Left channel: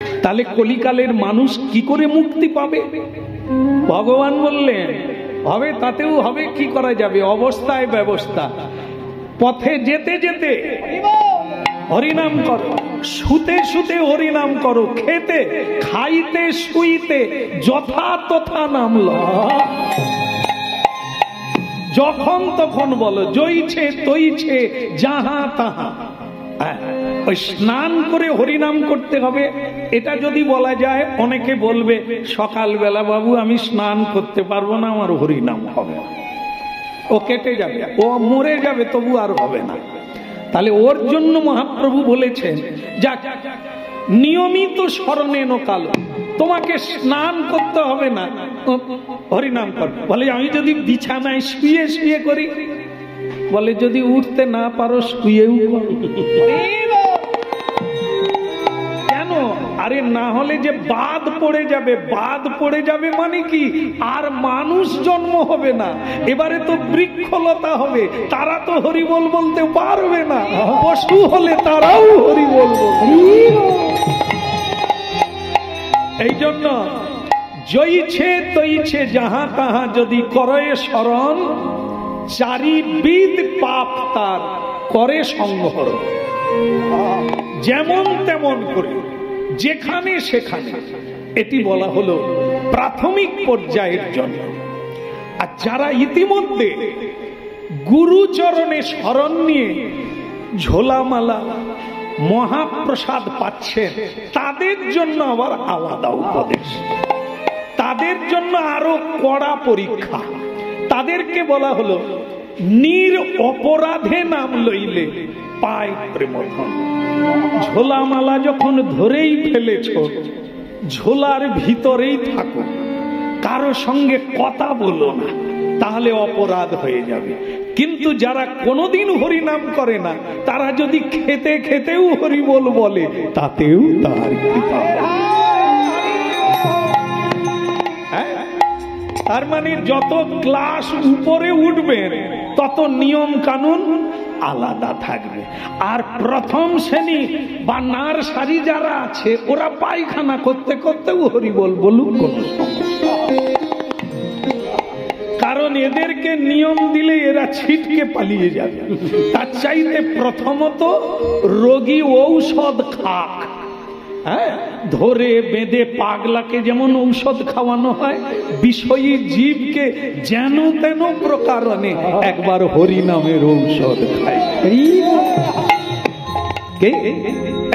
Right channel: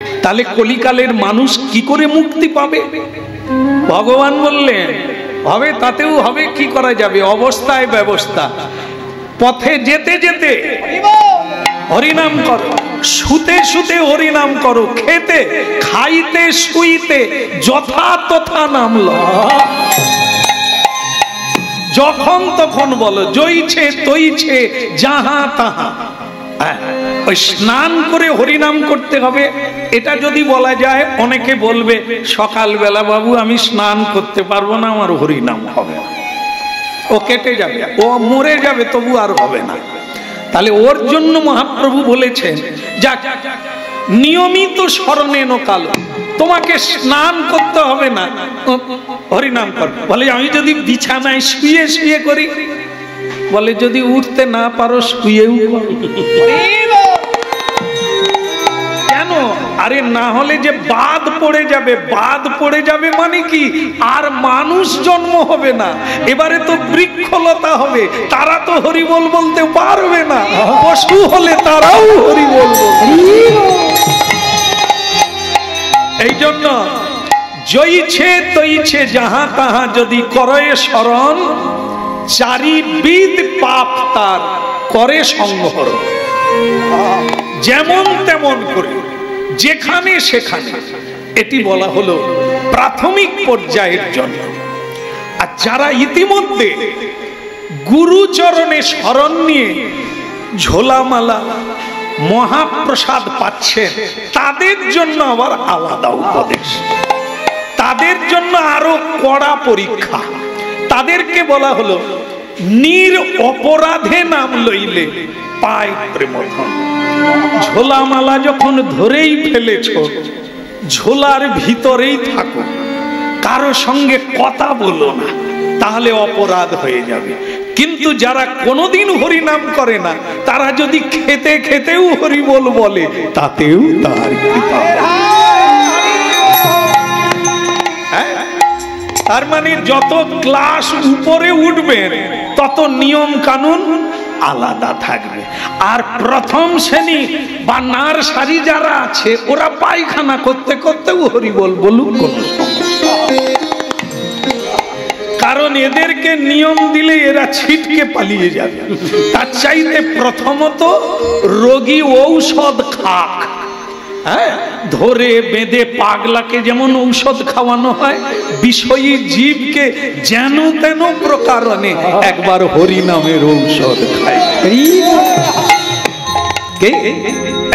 তাহলে কলিকালের মানুষ কি করে মুক্তি পাবে? ভগবান বললেন হবে, তাতেও হবে। কি করা যাবে? অবস্থায় ব্যবস্থা। পথে যেতে যেতে হরিনাম করো, শুতে শুতে হরিনাম করো, খেতে খাইতে শুইতে যথা তথা নাম লও। যখন তখন বলো, জইছে তৈছে যাহা তাহা। ওই স্নান করে হরিনাম করতে হবে। এটা যদি বলা যায়, অনেকে বলবে সকালবেলা বাবু আমি স্নান করতে পারবো না, আমার হরিনাম হবে না, ও কেটে যাবে, ও মরে যাবে, তবু আর হবে না। তাহলে ওর জন্য মহাপ্রভু বলেছেন, যাক নিয়মিত স্মরণেন কালো, তোমাকে স্নান করতে হবে না, হরিনাম কর। বলে আমি যদি বিছানায় শুয়ে শুয়ে করি, বলে যদি উঠতে না পারো শুয়েও কেন? আরে না হলে যে বাদ পড়ে যাবে, বাদ পড়ে যাবে মানে কি, আর মানুষ জন্ম হবে না। এবারে তো বৃক্ষলতা হবে, তারা তো হরিবোল বলতে পারবে না। পশু হলে তারাও হরিবোল বলবে। এই জন্য জইছে তৈছে যাহা তাহা যদি করে স্মরণ, চারিবিধ পাপ তার করে সংহর। যেমন তেমন করে, যেখানে সেখানে। এটি বলা হলো প্রাথমিক পর্যায়ের জন্য। আর যারা ইতিমধ্যে গুরুচরণে শরণ নিয়ে ঝোলামালা মহাপ্রসাদ পাচ্ছেন, তাদের জন্য আবার আলাদা উপদেশ, তাদের জন্য আরো কড়া পরীক্ষা। তাদেরকে বলা হলো নির অপরাধে নাম লইলে পায় প্রেমধন। ঝোলামালা যখন ধরেই ফেলেছ, ঝোলার ভিতরেই থাকো, কারো সঙ্গে কথা বলো না, তাহলে অপরাধ হয়ে যাবে। কিন্তু যারা কোনোদিন হরিনাম করে না, তারা যদি খেতে খেতেও হরিবোল বলে, তাতেও তার কৃপা। তার মানে যত ক্লাস উপরে উঠবেন, তত নিয়ম কানুন আলাদা থাকবে। আর প্রথম শ্রেণী বা নার্সারি যারা আছে, ওরা পায়খানা করতে করতেও হরিবোল বলুক, কারণ এদেরকে নিয়ম দিলে এরা ছিটকে পালিয়ে যাবে। তার চাইতে প্রথমত রোগী ঔষধ খাক। হ্যাঁ, ধরে বেঁধে পাগলাকে যেমন ঔষধ খাওয়ানো হয়, বিষয়ী জীবকে যেন তেন প্রকারণে একবার হরিনামের ঔষধ খায়।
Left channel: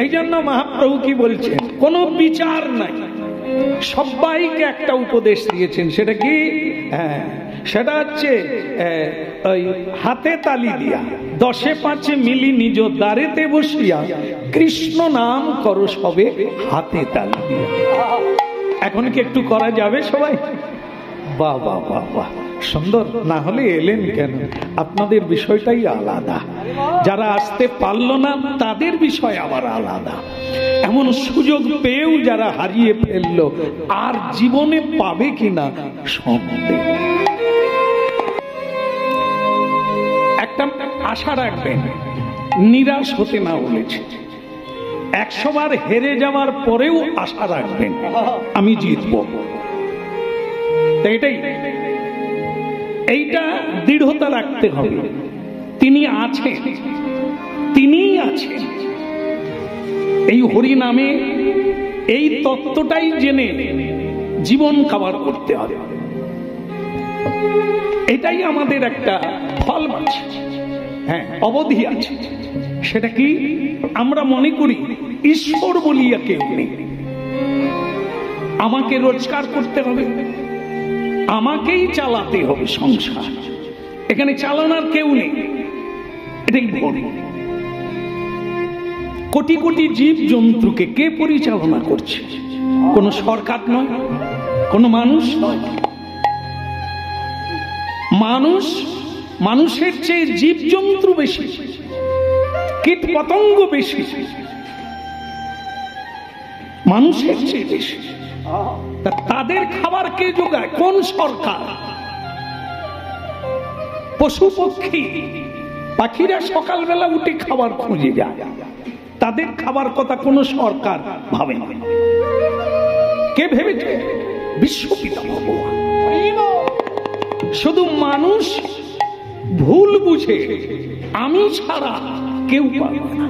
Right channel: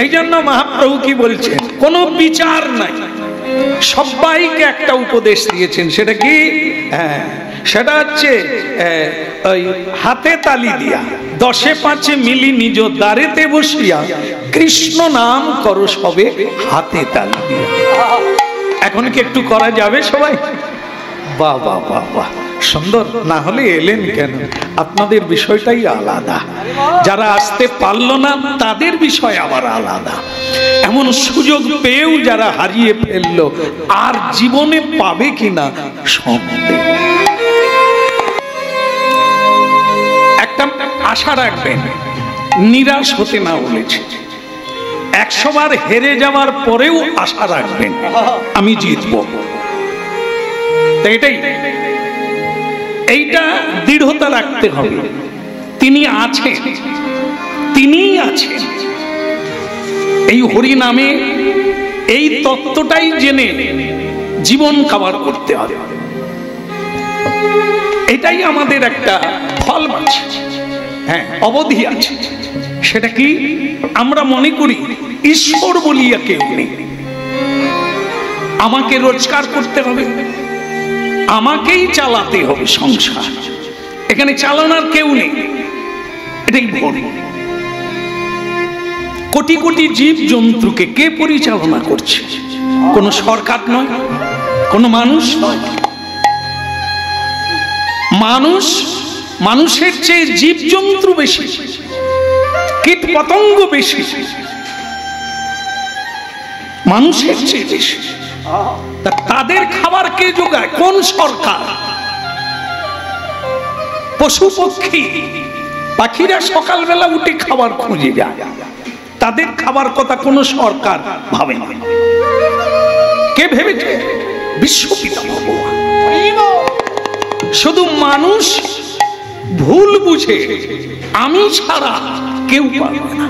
এই জন্য মহাপ্রভু কি বলছেন, কোনো বিচার নাই, সবাইকে একটা উপদেশ দিয়েছেন। সেটা কি? সেটা হচ্ছে হাতে তালি দিয়া, 10-5 মিলি নিজ দ্বারেতে বসিয়া কৃষ্ণ নাম করো সবে হাতে তালি দিয়া। এখন কি একটু করা যাবে সবাই? বাহ বাহ বাহ বাহ, সুন্দর। না হলে এলেন কেন? আপনাদের বিষয়টাই আলাদা। যারা আসতে পারলো না, তাদের বিষয় আবার আলাদা। এমন সুযোগ পেয়েও যারা হারিয়ে ফেললো, আর জীবনে পাবে কিনা সন্দেহ। একটা আশা রাখবেন, নিরাশ হতে না বলেছে। 100 বার হেরে যাওয়ার পরেও আশা রাখবেন আমি জিতবো। এটাই, এইটা দৃঢ়তা রাখতে হবে। তিনি আছেন, তিনিই আছেন। এই হরি নামে এই তত্ত্বটাই জেনে জীবন কাবার করতে হবে। এটাই আমাদের একটা ফল আছে, হ্যাঁ, অবধি আছে। সেটা কি? আমরা মনে করি ঈশ্বর বলিয়া কেউ নেই, আমাকে রোজগার করতে হবে, আমাকেই চালাতে হবে সংসার, এখানে চালানোর কেউ নেই। এটাই ভুল। কোটি কোটি জীব জন্তুকে কে পরিচালনা করছে? কোন সরকার নয়, কোন মানুষ নয়। মানুষের চেয়ে জীব জন্তু বেশি, কীট পতঙ্গ বেশি, মানুষের চেয়ে বেশি। তাদের খাবার কে যোগায়? কোন সরকার? পশু পক্ষী পাখিরা সকালবেলা উঠে খাবার খুঁজে যায়, তাদের খাবার কথা কোনো সরকার ভাবে না। কে ভেবেছে? বিশ্বপিতা ভগবান। শুধু মানুষ ভুল বুঝে আমি ছাড়া কেউ পারবে না,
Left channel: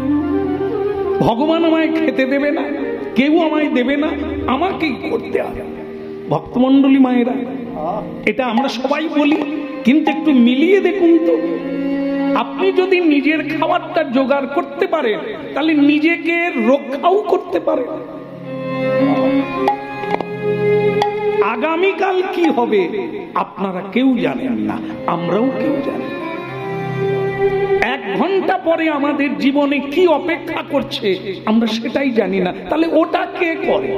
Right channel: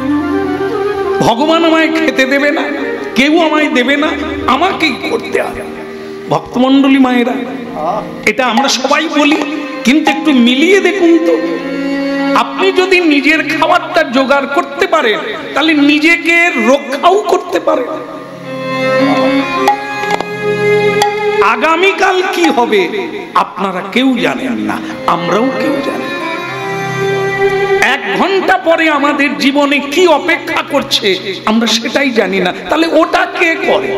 ভগবান আমায় খেতে দেবে না, কেউ আমায় দেবে না, আমাকেই করতে হবে। ভক্তমণ্ডলী মায়েরা, এটা আমরা সবাই বলি, কিন্তু একটু মিলিয়ে দেখুন তো। আপনি যদি নিজের খাবারটা জোগাড় করতে পারেন তাহলে নিজেকে রক্ষাও করতে পারেন। আগামীকাল কি হবে আপনারা কেউ জানেন না, আমরাও কেউ জানি না। 1 ঘন্টা পরে আমাদের জীবনে কি অপেক্ষা করছে আমরা সেটাই জানি না, তাহলে ওটা কে করে?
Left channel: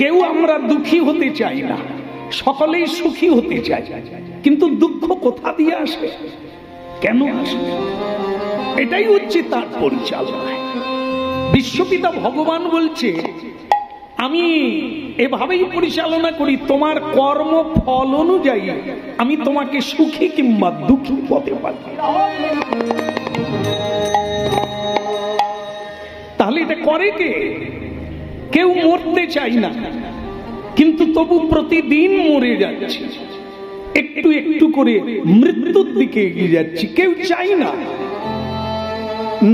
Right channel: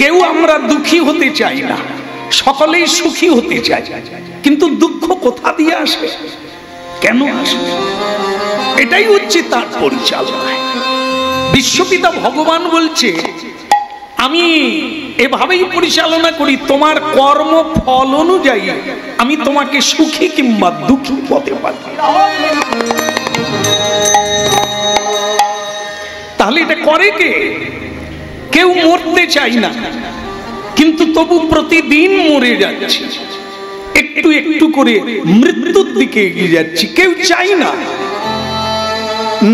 কেউ আমরা দুঃখী হতে চাই না, সকলেই সুখী হতে চাই, কিন্তু দুঃখ কোথা দিয়ে আসে, কেন আসে? এটাই হচ্ছে তার পরিচালনা। বিশ্বপিতা ভগবান বলছে আমি এভাবেই পরিচালনা করি, তোমার কর্ম ফল অনুযায়ী আমি তোমাকে সুখী কিংবা দুঃখী পথে পাঠাই। তাহলে এটা করে কে? কেউ মরতে চাই না, কিন্তু তবু প্রতিদিন মরে যাচ্ছে, একটু একটু করে মৃত্যুর দিকে এগিয়ে যাচ্ছি। কেউ চাই না,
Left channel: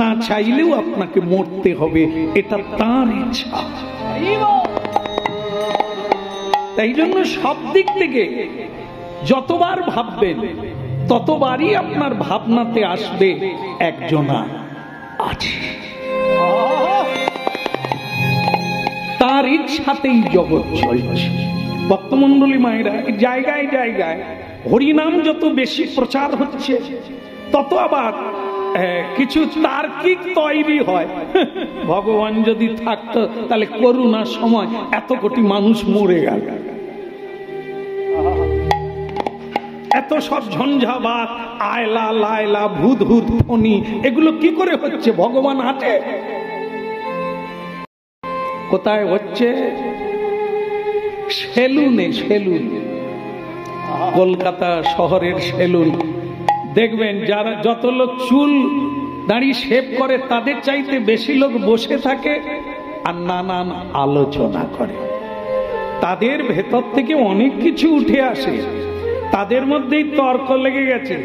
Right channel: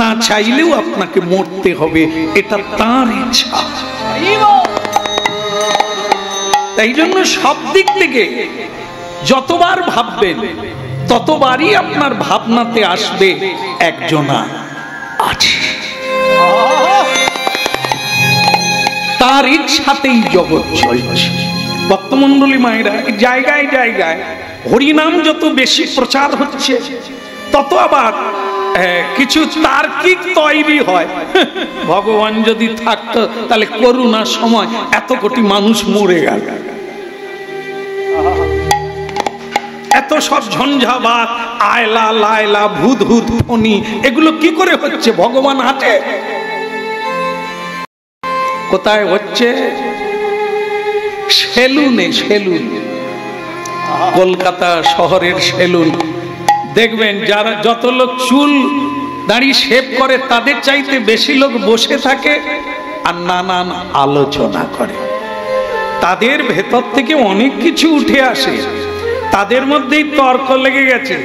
না চাইলেও আপনাকে মরতে হবে, এটা তার ইচ্ছা। তাই জন্য সব দিক থেকে যতবার ভাববেন ততবারই আপনার ভাবনাতে আসবে একজনা আছে, তার ইচ্ছাতেই জগৎ চলছে। ভক্তমণ্ডলী মায়েরা, জায়গায় জায়গায় হরিনাম যত বেশি প্রচার হচ্ছে তত আবার কিছু তার্কিক তৈরি হয়। ভগবান যদি থাকতো তাহলে করুণার সময় এত কোটি মানুষ মরে গেল, এত সব ঝঞ্ঝাবাত, আয়লা লায়লা, ভূত ভূত ফণি, এগুলো কি করে হচ্ছে? ভগবান আছে কোথায়? হচ্ছে সেলুনে। সেলুন, কলকাতা শহরের সেলুন দেখবেন, যারা যত লোক চুল দাড়ি শেভ করে তাদের চাইতে বেশি লোক বসে থাকে আর নানান আলোচনা করে। তাদের ভেতর থেকে অনেক কিছু উঠে আসে, তাদের মধ্যেই তর্ক লেগে গেছে।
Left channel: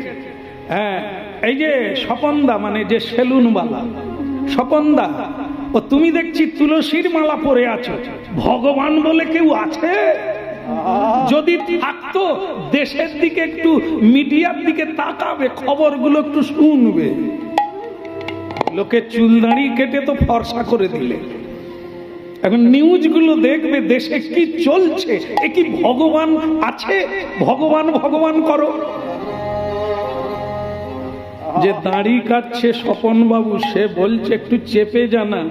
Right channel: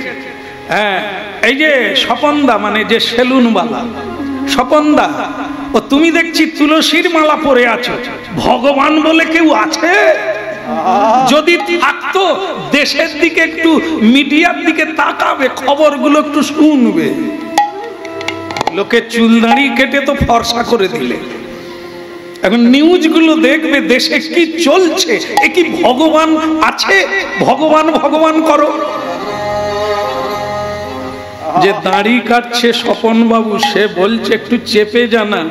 হ্যাঁ, এই যে স্বপনদা, মানে যে সেলুনওয়ালা স্বপনদা, ও তুমি দেখছি তুলসীর মালা পরে আছো, ভগবান বলে কেউ আছে? যদি থাকতো দেশের দিকে একটু, মিডিয়ার দিকে তাকাবে, খবরগুলো একটু শুনবে। লোকে চুল দাড়ি কেটে তো ফর্সা করে দিলে, এখন নিউজগুলো দেখবে দেশে কি চলছে। এ কি ভগবান আছে? ভগবান ভগবান করো। যে দাড়ি কাটছে স্বপন বাবু, সে বলছে একটু চেপে জানা,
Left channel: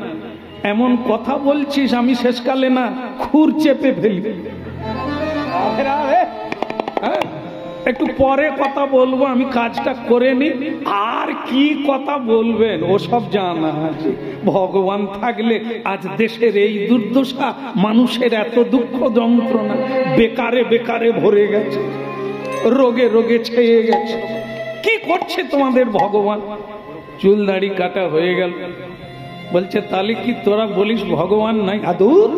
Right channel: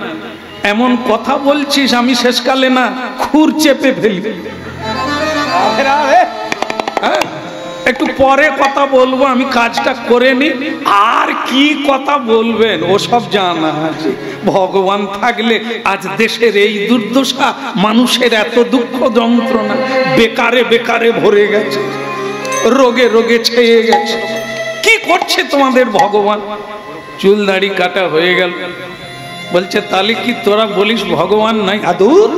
এমন কথা বলছিস আমি শেষকালে না খুর চেপে ফেলি। একটু পরে কথা বলবো, আমি কাজটা করে নি। আর কি কথা বলবেন, ওসব জানা আছে। ভগবান থাকলে আজ দেশের এই দুর্দশা, মানুষের এত দুঃখ যন্ত্রণা, বেকারে বেকারে ভরে গেছে, রোগে রোগে ছেয়ে গেছে। কি করছে তোমাদের ভগবান? চুল দাড়ি কাটা হয়ে গেল, বলছে তাহলে কি তোরা বলিস ভগবান নাই? আদুর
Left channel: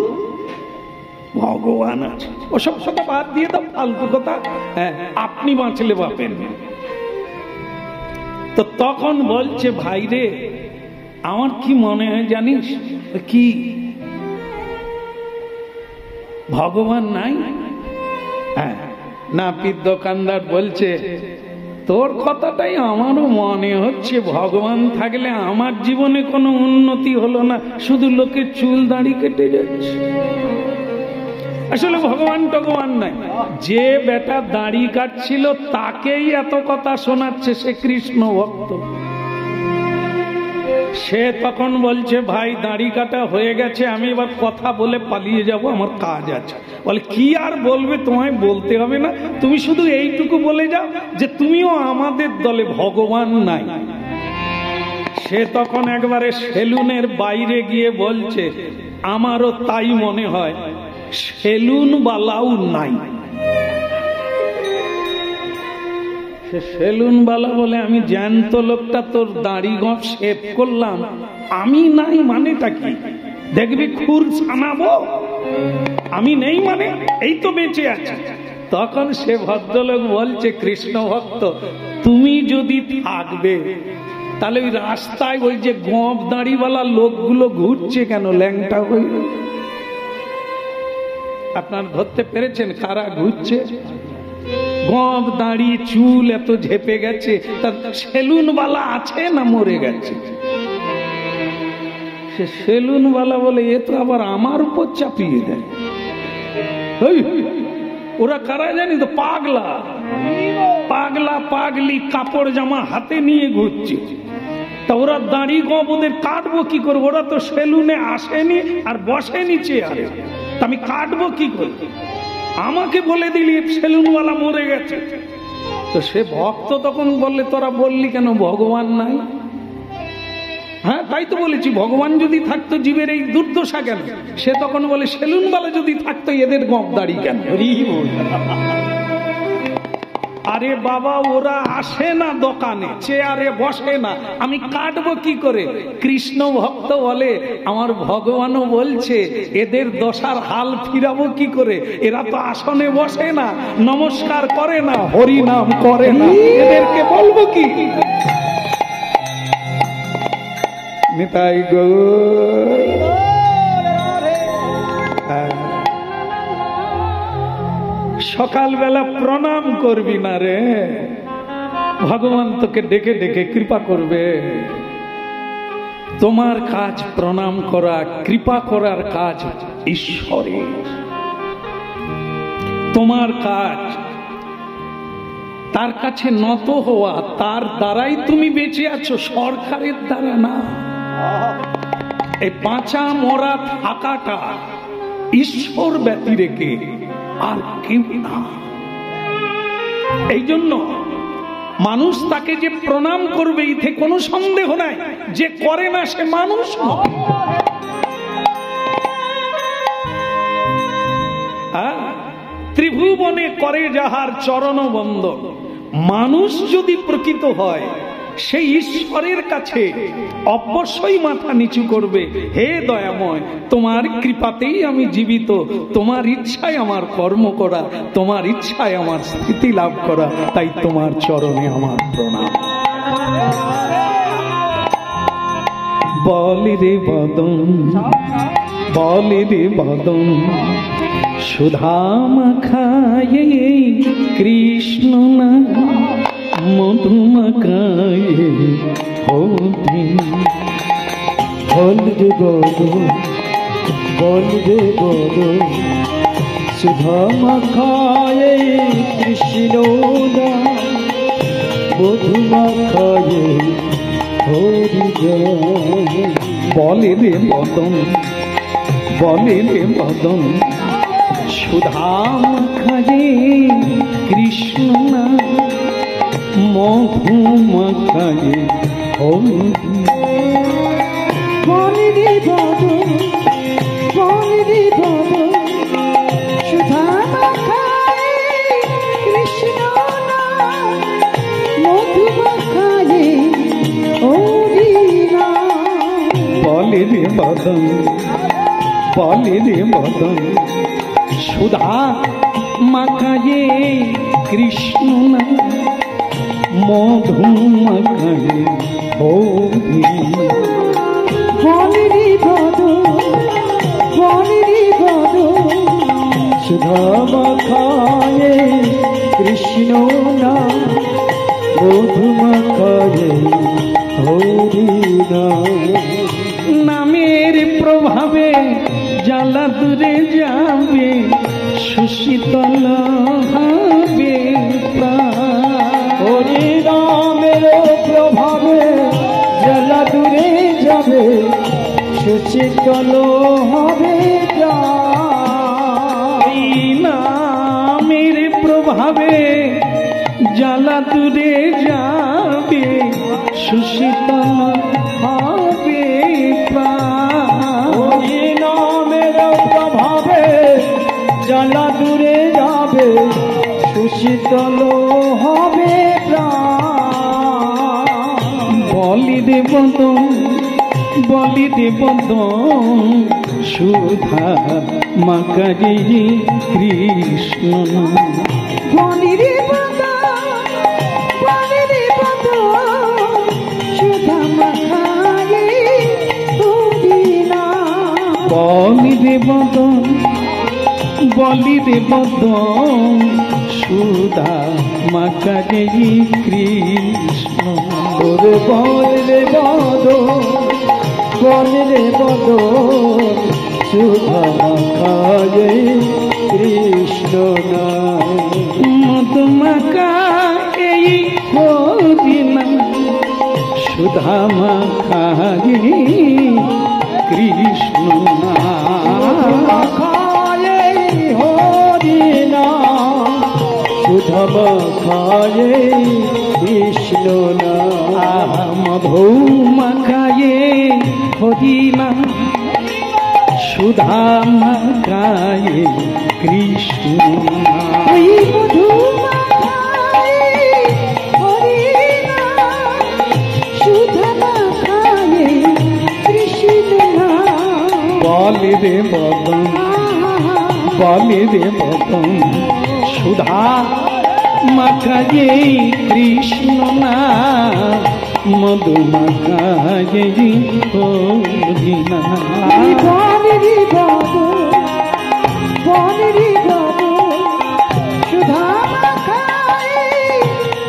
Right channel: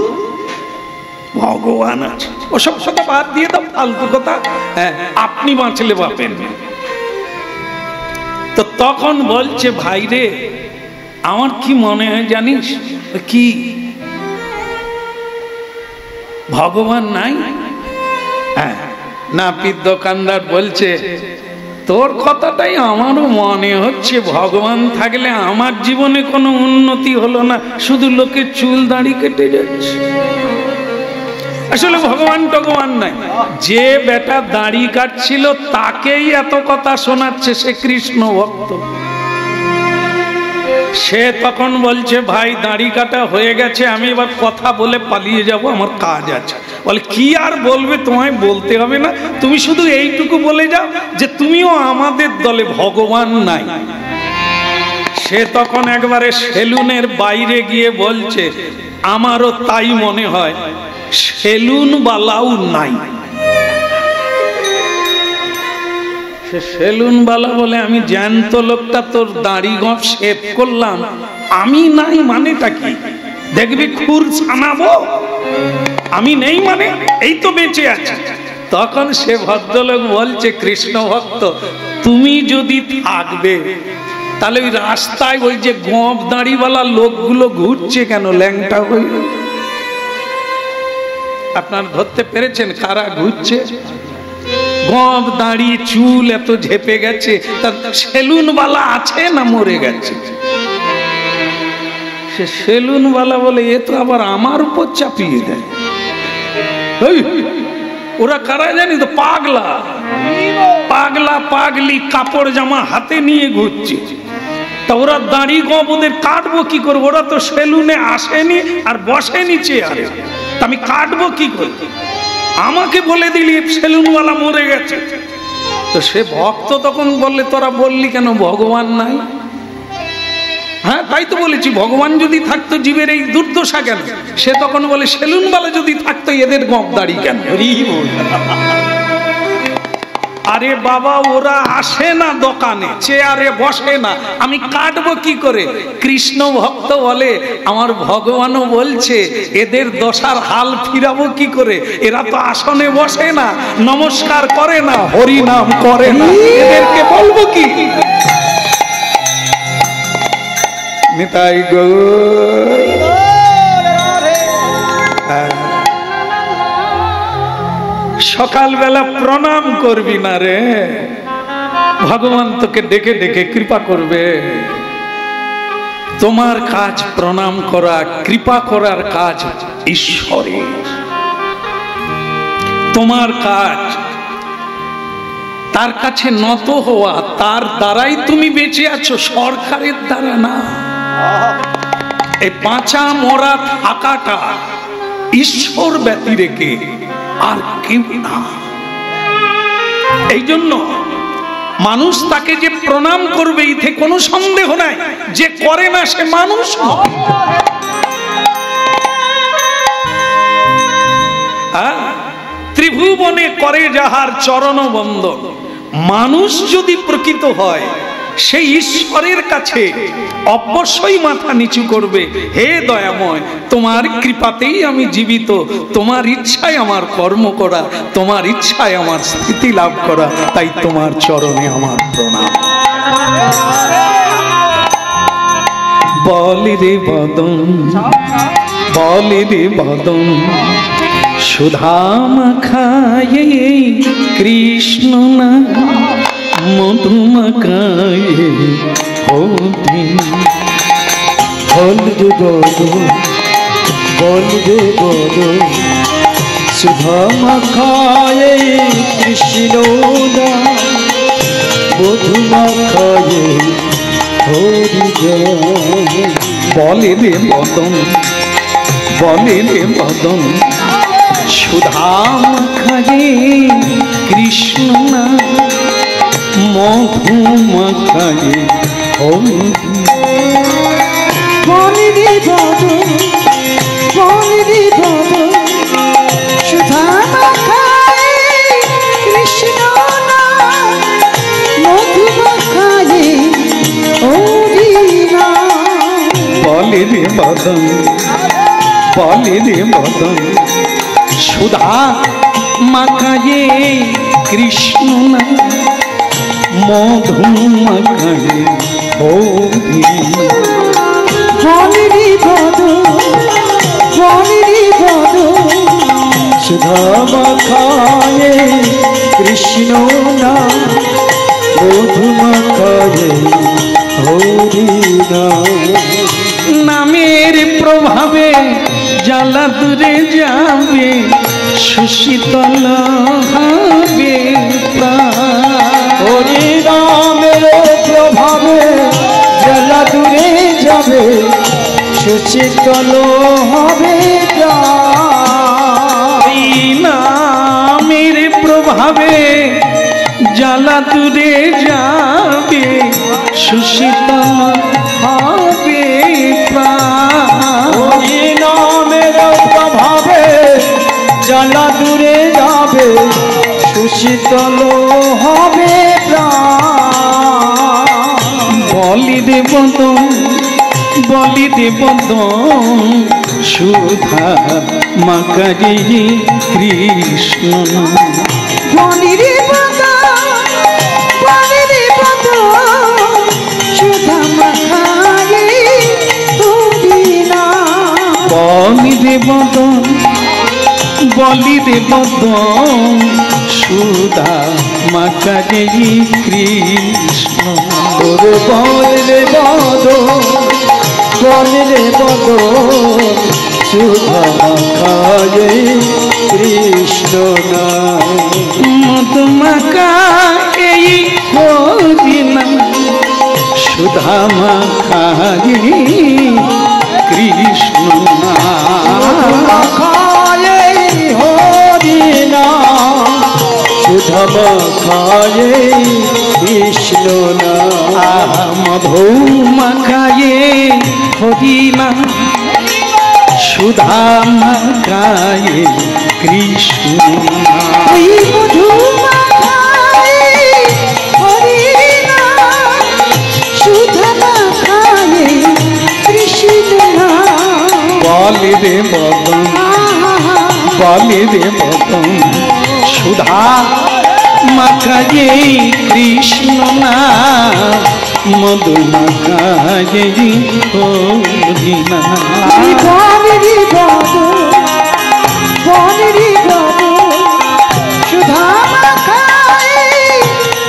ভগবান আছে, ওসব কথা বাদ দিয়ে দাও, ফালতু কথা। হ্যাঁ, আপনি বাঁচলে বাপেন। তো তখন বলছে ভাই রে, আমার কি মনে হয় জানিস কি, ভগবান নাই? হ্যাঁ, নাপিত দোকানদার বলছে তোর কথাটাই আমারও মনে হচ্ছে, ভগবান থাকলে আমার জীবনে কোনো উন্নতি হলো না, শুধু লোকে চুল দাড়ি কেটে যাচ্ছে। আসলে ভগবান টগবান নাই, যে বেটা দাড়ি কাটছিল তাকেই এত কথা শোনাচ্ছে, সে কৃষ্ণ ভক্ত। সে তখন বলছে ভাই দাড়ি কাটা হয়ে গেছে, আমি এবার কথা বলে পালিয়ে যাব, আমার কাজ আছে। বলে কি আর বলবে, তোমায় বলতে হবে না, তুমি শুধু এইটুকু বলে যাও যে তুমিও আমাদের দলে, ভগবান নাই। সে তখন একবারে সেলুনের বাইরে গিয়ে বলছে আমারও তাই মনে হয়, সেলুন বালাও নাই। সে সেলুনওয়ালা বলে আমি জ্যান্ত লোকটা তোর দাড়ি গপ শেভ করলাম, আমি নাই মানেটা কি? দেখবি খুর ছানাবো, আমি নেই মানে এই তো বেঁচে আছে। তখন সে ভদ্রলোক বলছে, কৃষ্ণ ভক্ত তুমি যদি থাকবে তাহলে ওই রাস্তায় ওই যে গপ দাড়িওয়ালা লোকগুলো ঘুরছে কেন ল্যাংটা হয়ে? আপনার ধরতে পেরেছেন কারা ঘুরছে? গপ দাড়ি চুল এত ঝেপে গেছে, তার সেলুনওয়ালা আছে না মরে গেছে? সে সেলুনওয়ালা বলে এ তো আবার আমার উপর চাপিয়ে দেয়। ওরা কারা জানি তো? পাগলা পাগলা পাগলি কাপড় জামা হাতে নিয়ে ঘুরছে। তা ওরা দাড়ি গপ ওদের কাটবো কি করে? ওরা তো সেলুনে আসেনি আর বসেনি চেয়ারে, আমি কাটবো কি করে? আমাকে বলে দিলি সেলুনওয়ালা মরে গেছে। তো সে ভক্ত তখন বললে তোরা বললি কেন ভগবান নাই? হ্যাঁ তাই তো বলেছি, ভগবান যদি থাকতো জীবের এই দুর্দশা কেন? সে তখন বলে সেলুনওয়ালা যদি থাকতো এদের গপ দাড়ি কেন? আরে বাবা ওরা আসে না দোকানে, চেয়ারে বসে না, আমি কাটবো কি করে? কৃষ্ণ ভক্ত বলে আমার ভগবানও বলছে এদের দশার হাল ফিরাবো কি করে? এরা তো আসনে বসে না, নমস্কার করে না, হরি নাম করে না, এদেরকে বলবো কি? নিতাই গৌর। সকালবেলা প্রণাম করবি না রে, ভগবান তোকে ডেকে ডেকে কৃপা করবে। তোমার কাজ প্রণাম করা, কৃপা করার কাজ ঈশ্বরের। তোমার কাজ তার কাছে নত হওয়া, তার দ্বারাই তুমি বেঁচে আছো, সরকারের দ্বারা না। এই বাঁচা মরা থাকাটা ঈশ্বর ব্যতি রেখে আর কেউ না। এই জন্য মানুষ তাকে যে প্রণাম করবে এতে কোনো সন্দেহ নাই, যে করে না সে মানুষ নয়। ত্রিভুবনে করে যাহার চরণ বন্দন, মানুষ যদি প্রকৃত হয় সেই ঈশ্বরের কাছে অবশ্যই মাথা নিচু করবে। হে দয়াময়, তোমার কৃপাতেই আমি জীবিত, তোমার ইচ্ছায় আমার কর্ম করা, তোমার ইচ্ছায় আমার স্থিতি লাভ করা, তাই তোমার চরণে আমার প্রণাম। বলি রে বদন, বলি রে বদন, সুধা মাখায়ে কৃষ্ণ না মধু মাখায়ে হোতি। বল রে বদন, বল রে বদন, সুধা মাখায়ে কৃষ্ণ না মধু মাখায়ে হরি জয়। বলে রে বদন, বলে রে বদন, সুধা মাখায়ে কৃষ্ণ না মধু মাখায়ে হরি। বলে রে বদন, বলে রে বদন, সুধা মাখায়ে কৃষ্ণ না মধু মাখায়ে হরি নাম। বলে রে বদন, বলে রে বদন, সুধা মাখায়ে কৃষ্ণ না মধু মাখায়ে হরি। বলে রে বদন, বলে রে বদন, সুধা মাখায়ে কৃষ্ণ না মধু মাখায়ে হরি নাম। নামের প্রভাবে জ্বালা দূরে যাবে, সুশীতল হবে হরি নামের প্রভাবে জ্বালা দূরে যাবে, সুশীতল হবে নামের প্রভাবে জ্বালা দূরে যাবে, সুশীতল হবে হরি নামের প্রভাবে জ্বালা দূরে যাবে, সুশীতল হবে প্রাণ। বদন বলিতে বদন সুধা মাকারি কৃষ্ণ বলিরে বদন সুধা মাখায়ে তুদিনা বলিরে বদন বলিরে বদন সুধা মাকারি কৃষ্ণ ওরে বলিরে বদন সুধা মাখায়ে কৃষ্ণ নাম মধুমাকা এই হরিনা সুধা মাখারি কৃষ্ণ মাখায়ে হরিনা সুধা মাখায়ে কৃষ্ণ নাম মধুমাখায়ে হরিনা সুধা মাখায়ে কৃষ্ণ ওই মধু মাখায়ে হরিনা সুধা মাখায়ে কৃষ্ণ বলে রে বদন বলে রে বদন সুধা মাখায়ে কৃষ্ণ না মধু মাখায়ে হরিনা বলিরে বদন সুধা মাখায়ে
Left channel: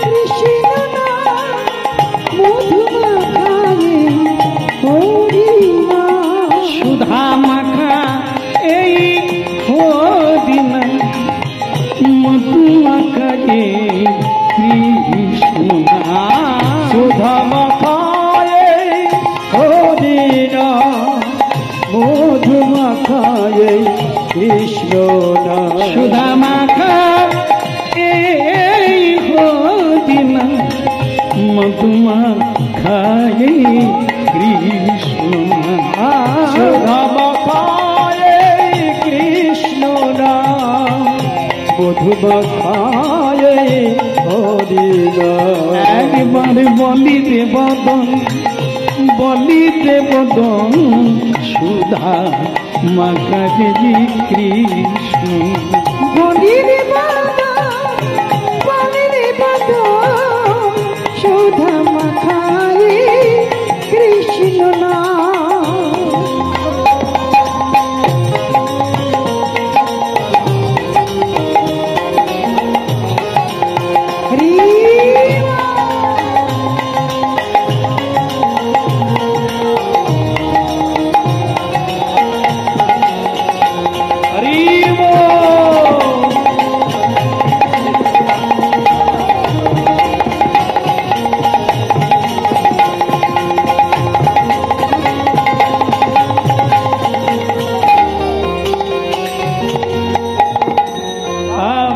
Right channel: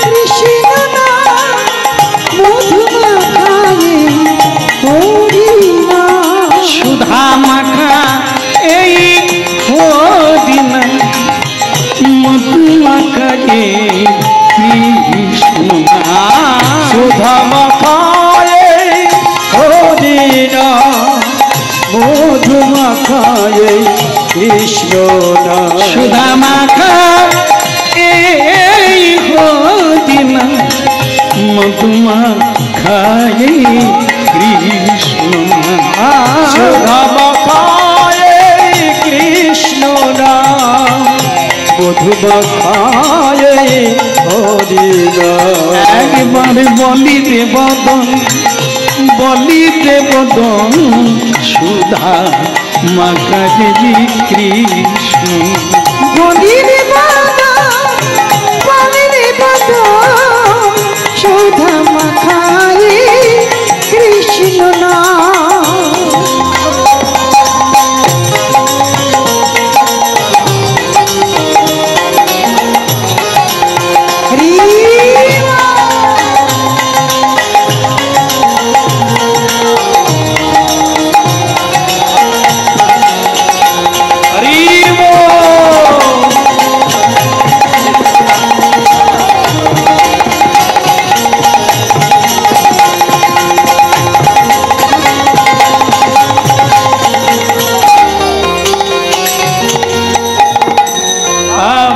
কৃষ্ণ নাম মধু মাখায়ে হরিনা সুধা মাখা এই হরিনা মধু মাখায়ে কৃষ্ণ সুধা মাখায়ে হরিনা মধু মাখায়ে কৃষ্ণ নাম সুধা মাখা এই হরিনা মধু মাখায়ে কৃষ্ণ সুধা মাখায়ে কৃষ্ণ নাম মধু মাখায়ে হরিনা একবার বলিতে বদন বলিতে বদন সুধা মাখায়ে কৃষ্ণ বলিরে বদন সুধা মাখায়ে কৃষ্ণ নাম হরি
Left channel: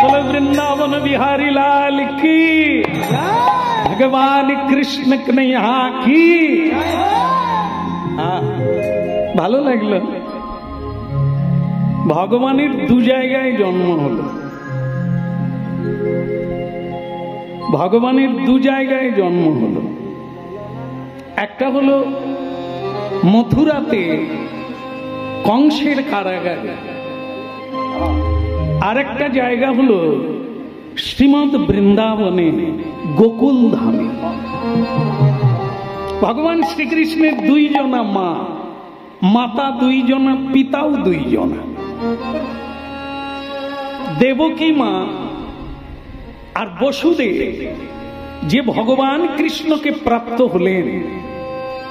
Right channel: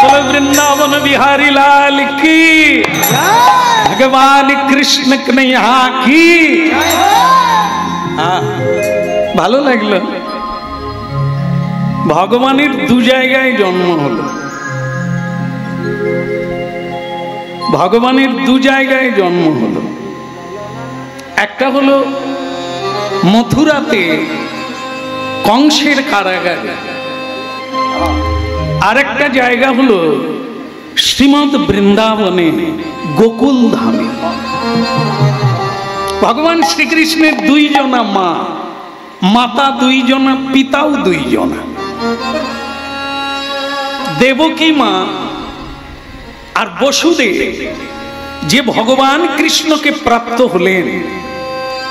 बोलो वृंदावन बिहारी लाल की भगवान कृष्ण कन्हैया की ভালো লাগলো ভগবানের দু জায়গায় জন্ম হলো ভগবানের দু জায়গায় জন্ম হলো একটা হলো মথুরাতে কংসের কারাগারে আরেকটা জায়গা হলো শ্রীমদ বৃন্দাবনে গোকুল ধামে ভগবান শ্রীকৃষ্ণের দুইজনা মা মাতা দুইজনা পিতাও দুইজনা দেবকী মা আর বসুদেব যে ভগবান কৃষ্ণকে প্রাপ্ত হলেন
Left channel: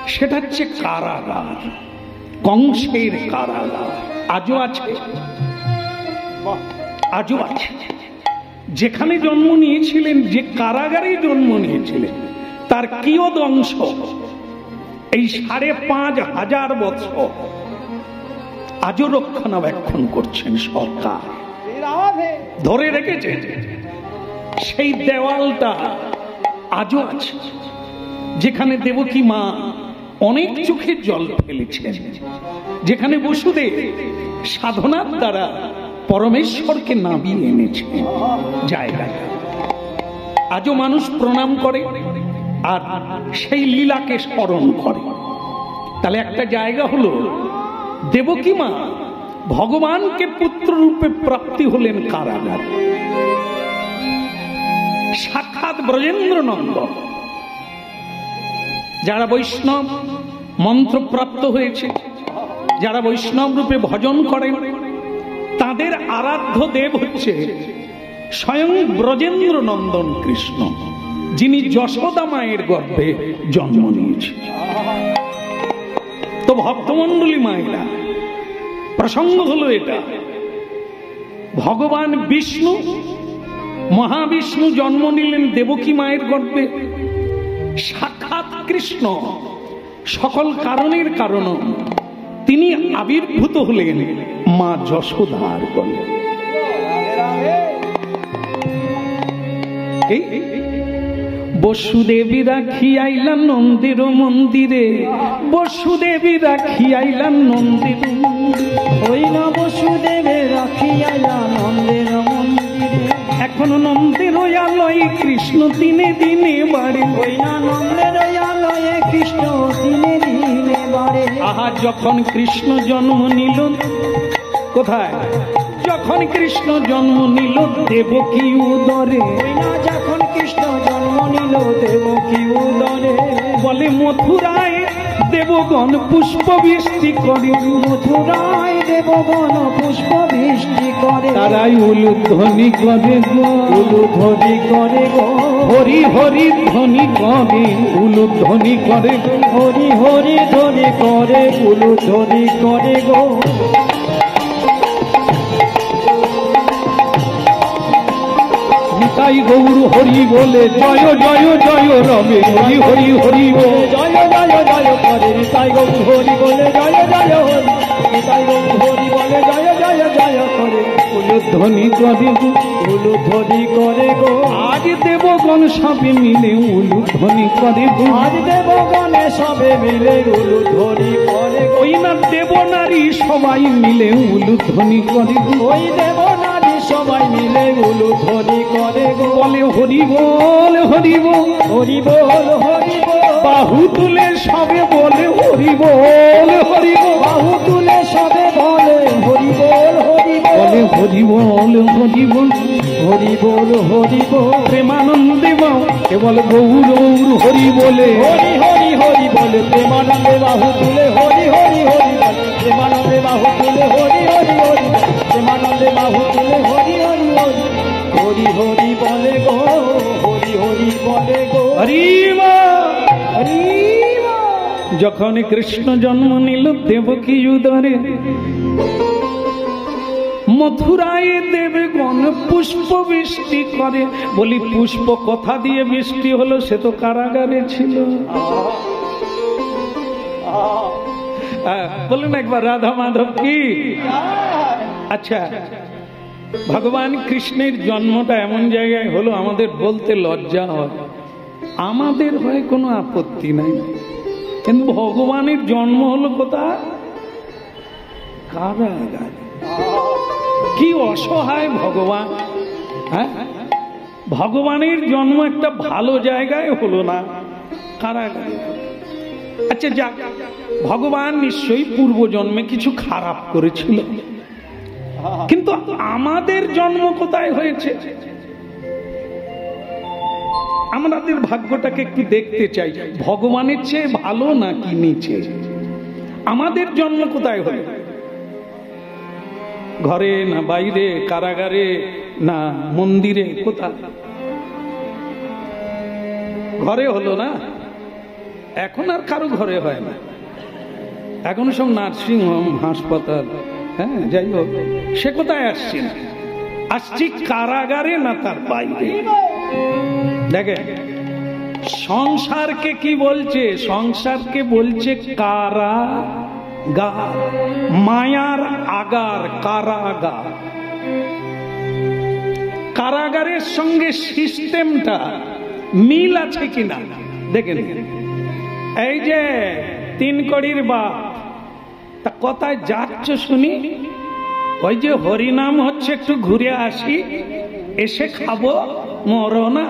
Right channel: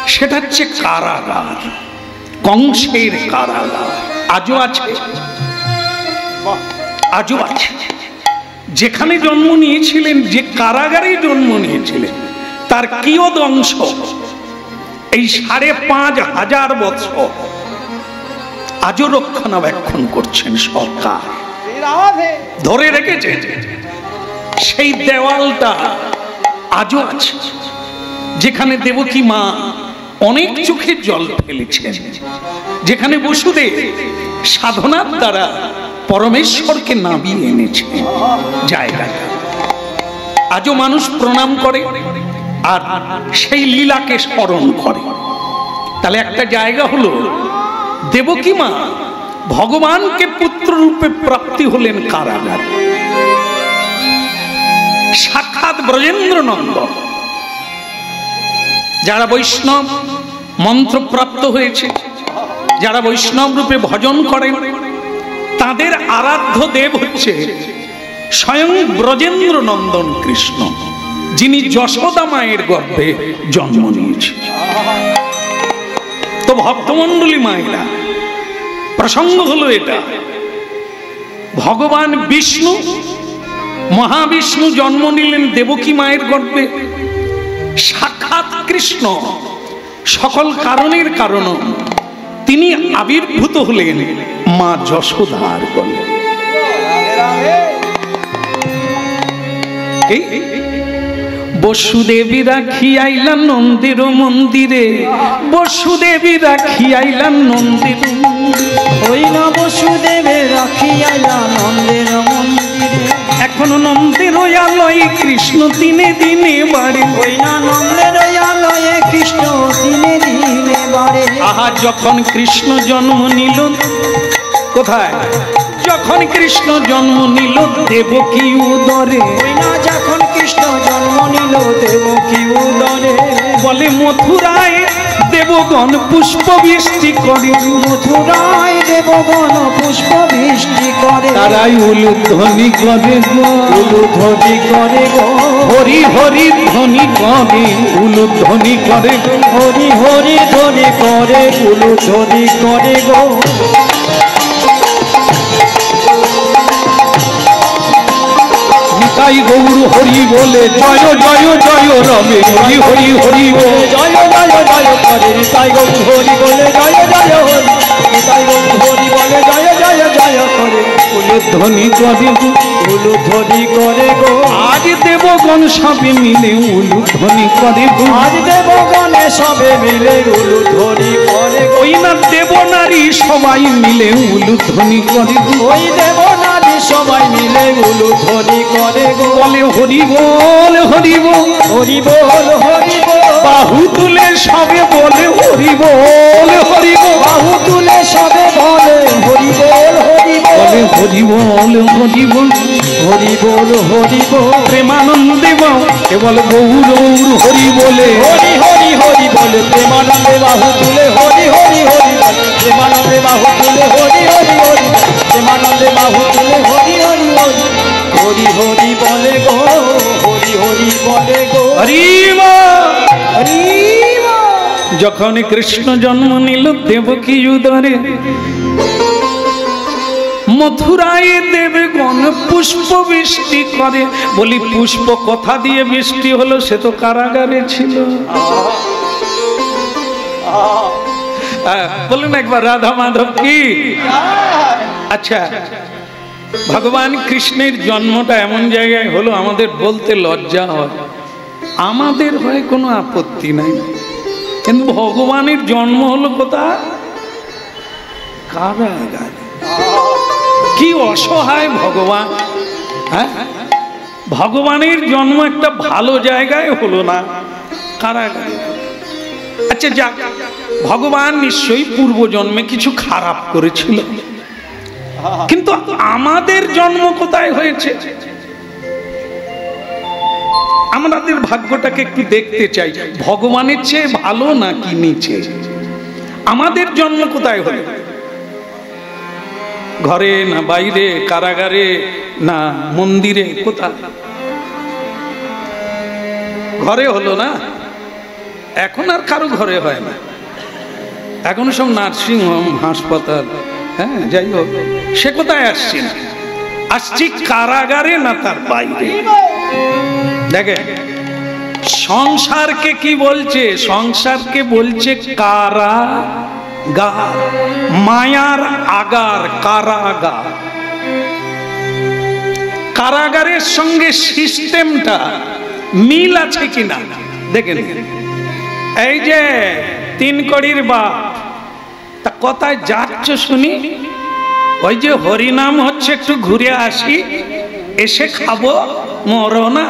সেটা হচ্ছে কারাগার কংসের কারাগার আজও আছে আজও আছে যেখানে জন্ম নিয়েছিলেন যে কারাগারে জন্ম নিয়েছিলেন তার কিয়দ অংশ এই ৫,৫০০ বছর আজও রক্ষণাবেক্ষণ করছেন সরকার ধরে রেখেছে সেই দেওয়ালটা আজও আছে যেখানে দেবকী মা অনেক চোখের জল ফেলেছেন যেখানে বসুদেব সাধনার দ্বারা পরমেশ্বরকে নামিয়ে এনেছে জায়গাটা আজও মানুষ প্রণাম করে আর সেই লীলাকে স্মরণ করে। তাহলে একটা জায়গা হলো দেবকী মা ভগবানকে পুত্র রূপে প্রাপ্তি হলেন কারাগার। সাক্ষাৎ ব্রজেন্দ্র নন্দন। যারা বৈষ্ণব মন্ত্রপ্রাপ্ত হয়েছে, যারা বৈষ্ণব রূপে ভজন করেন, তাদের আরাধ্য দেব হচ্ছে স্বয়ং ব্রজেন্দ্র নন্দন কৃষ্ণ, যিনি যশোদা মায়ের গর্ভে জন্ম নিয়েছে। তো ভক্তমণ্ডলী মায়েরা, প্রসঙ্গ হলো এটা, ভগবান বিষ্ণু মহাবিষ্ণু জন্ম নিলেন দেবকী মায়ের গর্ভে। সাক্ষাৎ কৃষ্ণ সকল কারণের কারণ, তিনি আবির্ভূত হলেন মা যশোদার গর্ভে। বসুদেবী রাখি আইলা নন্দের মন্দিরে, বসুদেবী রাখি আইলা নন্দের ওই না বসুদেবে রাখি আইলা নন্দের মন্দিরে। এখনো নন্দের আলয়ে কৃষ্ণ দিনে দিনে বাড়ে, ওই না নন্দের আলয়ে কৃষ্ণ দিনে দিনে বাড়ে। আহা যখন কৃষ্ণ জন্ম নিল, কোথায়? যখন কৃষ্ণ জন্ম নিল দেবকী উদরে। ওই না যখন কৃষ্ণ জন্ম নিল দেবকী উদরে। বলে মথুরায় দেবগণ পুষ্প বৃষ্টি করে, মথুরায় দেবগণ পুষ্প বৃষ্টি করে। তারাই উলুধ্বনি করে গো, উলুধ্বনি করে গো, হরি হরি ধ্বনি করে, উলুধ্বনি করে গো, হরি হরি ধ্বনি করে, উলুধ্বনি করে গো। নিতাই গৌর হরি বলে জয় জয় জয় রবে, হরি হরি হরি বলে জয় জয় জয় করে, নিতাই গৌর হরি বলে জয় জয় হরি, নিতাই গৌর হরি বলে জয় জয় জয় করে। উলুধ্বনি করে গো, উলুধ্বনি করে গো। আজ দেবগণ সবে মিলে উলুধ্বনি করে গো, আজ দেবগণে সবে মিলে উলুধ্বনি করে গো। ওই না দেবনারী সবাই মিলে উলুধ্বনি করে গো, ওই দেবনারী সবাই মিলে উলুধ্বনি করে গো। বলে হরি বল হরি বল, হরি বল হরি বল, বাহু তুলে সবে বলে হরি বল হরি বল, বাহু তুলে সবে বলে হরি বল হরি বল, বলে হরি বল হরি বল, হরি বল হরি বল। প্রেমানন্দে বাউ কেবল গৌর হরি বলে, হরি হরি হরি বলে প্রেমানন্দে বাহু তুলে হরি হরি হরি বলে, প্রেমানন্দে বাহু তুলে হরি হরি হরি, প্রেমানন্দে বাহু তুলে হরি হরি হরি, হরি হরি বলে গো, হরি হরি বলে গো। হরি বল। হরি বল। যখন কৃষ্ণ জন্ম নিল দেবকী উদরে, মথুরায় দেবগণ পুষ্প বৃষ্টি করে। বলি পুষ্প কথা দিয়ে বৃষ্টি হলো? সে তো কারাগারে ছিল। বলুন একবার রাধা মাধব কি। আচ্ছা, ভগবান কৃষ্ণের জন্মটা এমন জায়গায় হলো আমাদের বলতে লজ্জা হয়, আমাদের হয় কোনো আপত্তি নাই, কিন্তু ভগবানের জন্ম হলো কোথায়? কারাগারে। কি অসহায় ভগবান! হ্যাঁ, ভগবানের জন্ম একটা ভালো জায়গায় হলো না, কারাগারে। আচ্ছা যাক, ভগবান নিশ্চয়ই পূর্ব জন্মে কিছু খারাপ করেছিল, কিন্তু আমাদের জন্ম কোথায় হয়েছে? আমাদের ভাগ্যটাকে একটু দেখতে চাই, ভগবানের চেয়ে ভালো নাকি নিচে? আমাদের জন্ম কোথায় হলো? ঘরে না বাইরে, কারাগারে না মন্দিরে? কোথায়? ঘরে হলো না? এখন আর কারো ঘরে হয় না, এখন সব নার্সিং হোম, হাসপাতাল। হ্যাঁ, যাই হোক, সে কোথায় আসছে না, আসছি কারাগারে না তার বাইরে। দেখে সংসারকে কি বলছে? সংসারকে বলছে কারাগার, মায়ার আগার, কারাগার। কারাগারের সঙ্গে সিস্টেমটা মিল আছে কিনা দেখেন। এই যে তিন কড়ির বাপ, তা কোথায় যাচ্ছ শুনি? ওই যে হরিনাম হচ্ছে, একটু ঘুরে আসি, এসে খাবো, মরো না।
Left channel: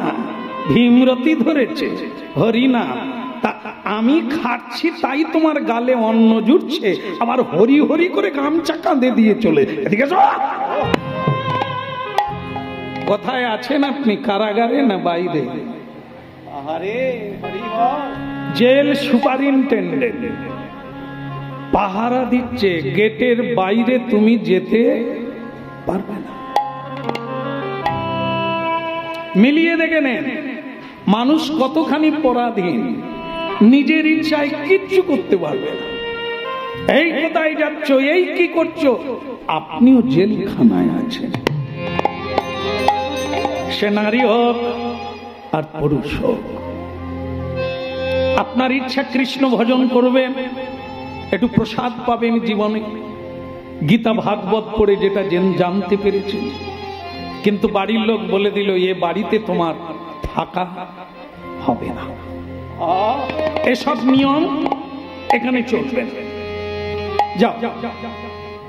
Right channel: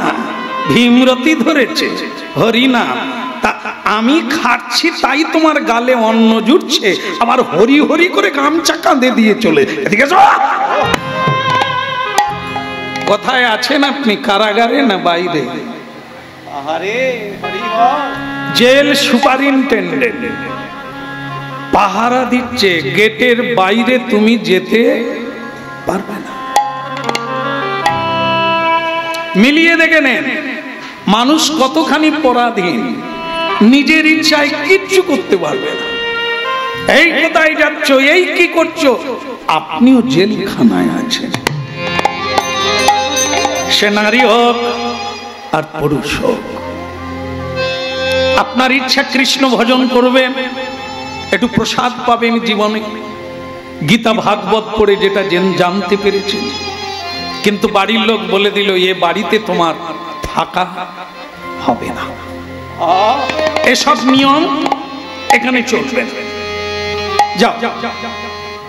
ভীমরতি ধরেছে হরিনাম, তা আমি খাচ্ছি তাই তোমার গালে অন্ন জুটছে, আবার হরি হরি করে গামচা কাঁধে দিয়ে চলে। এদিকে কোথায় আছেন আপনি? কারাগারে না বাইরে? জেল সুপারিনটেন্ডেন্ট পাহারা দিচ্ছে, গেটের বাইরে তুমি যেতে পারবে না। মিলিয়ে দেখে নেন মানুষ কতখানি পরাধীন, নিজের ইচ্ছায় কিচ্ছু করতে পারবে না। এই কোথায় যাচ্ছ, এই কি করছো, আপনিও জেলখানায় আছেন। সে নারী হোক আর পুরুষ হোক, আপনার ইচ্ছা কৃষ্ণ ভজন করবেন, একটু প্রসাদ পাবেন জীবনে, গীতা ভাগবত পড়ে যেটা জানতে পেরেছেন, কিন্তু বাড়ির লোক বলে দিল এ বাড়িতে তোমার থাকা হবে না, এসব নিয়ম এখানে চলবে না, যাও।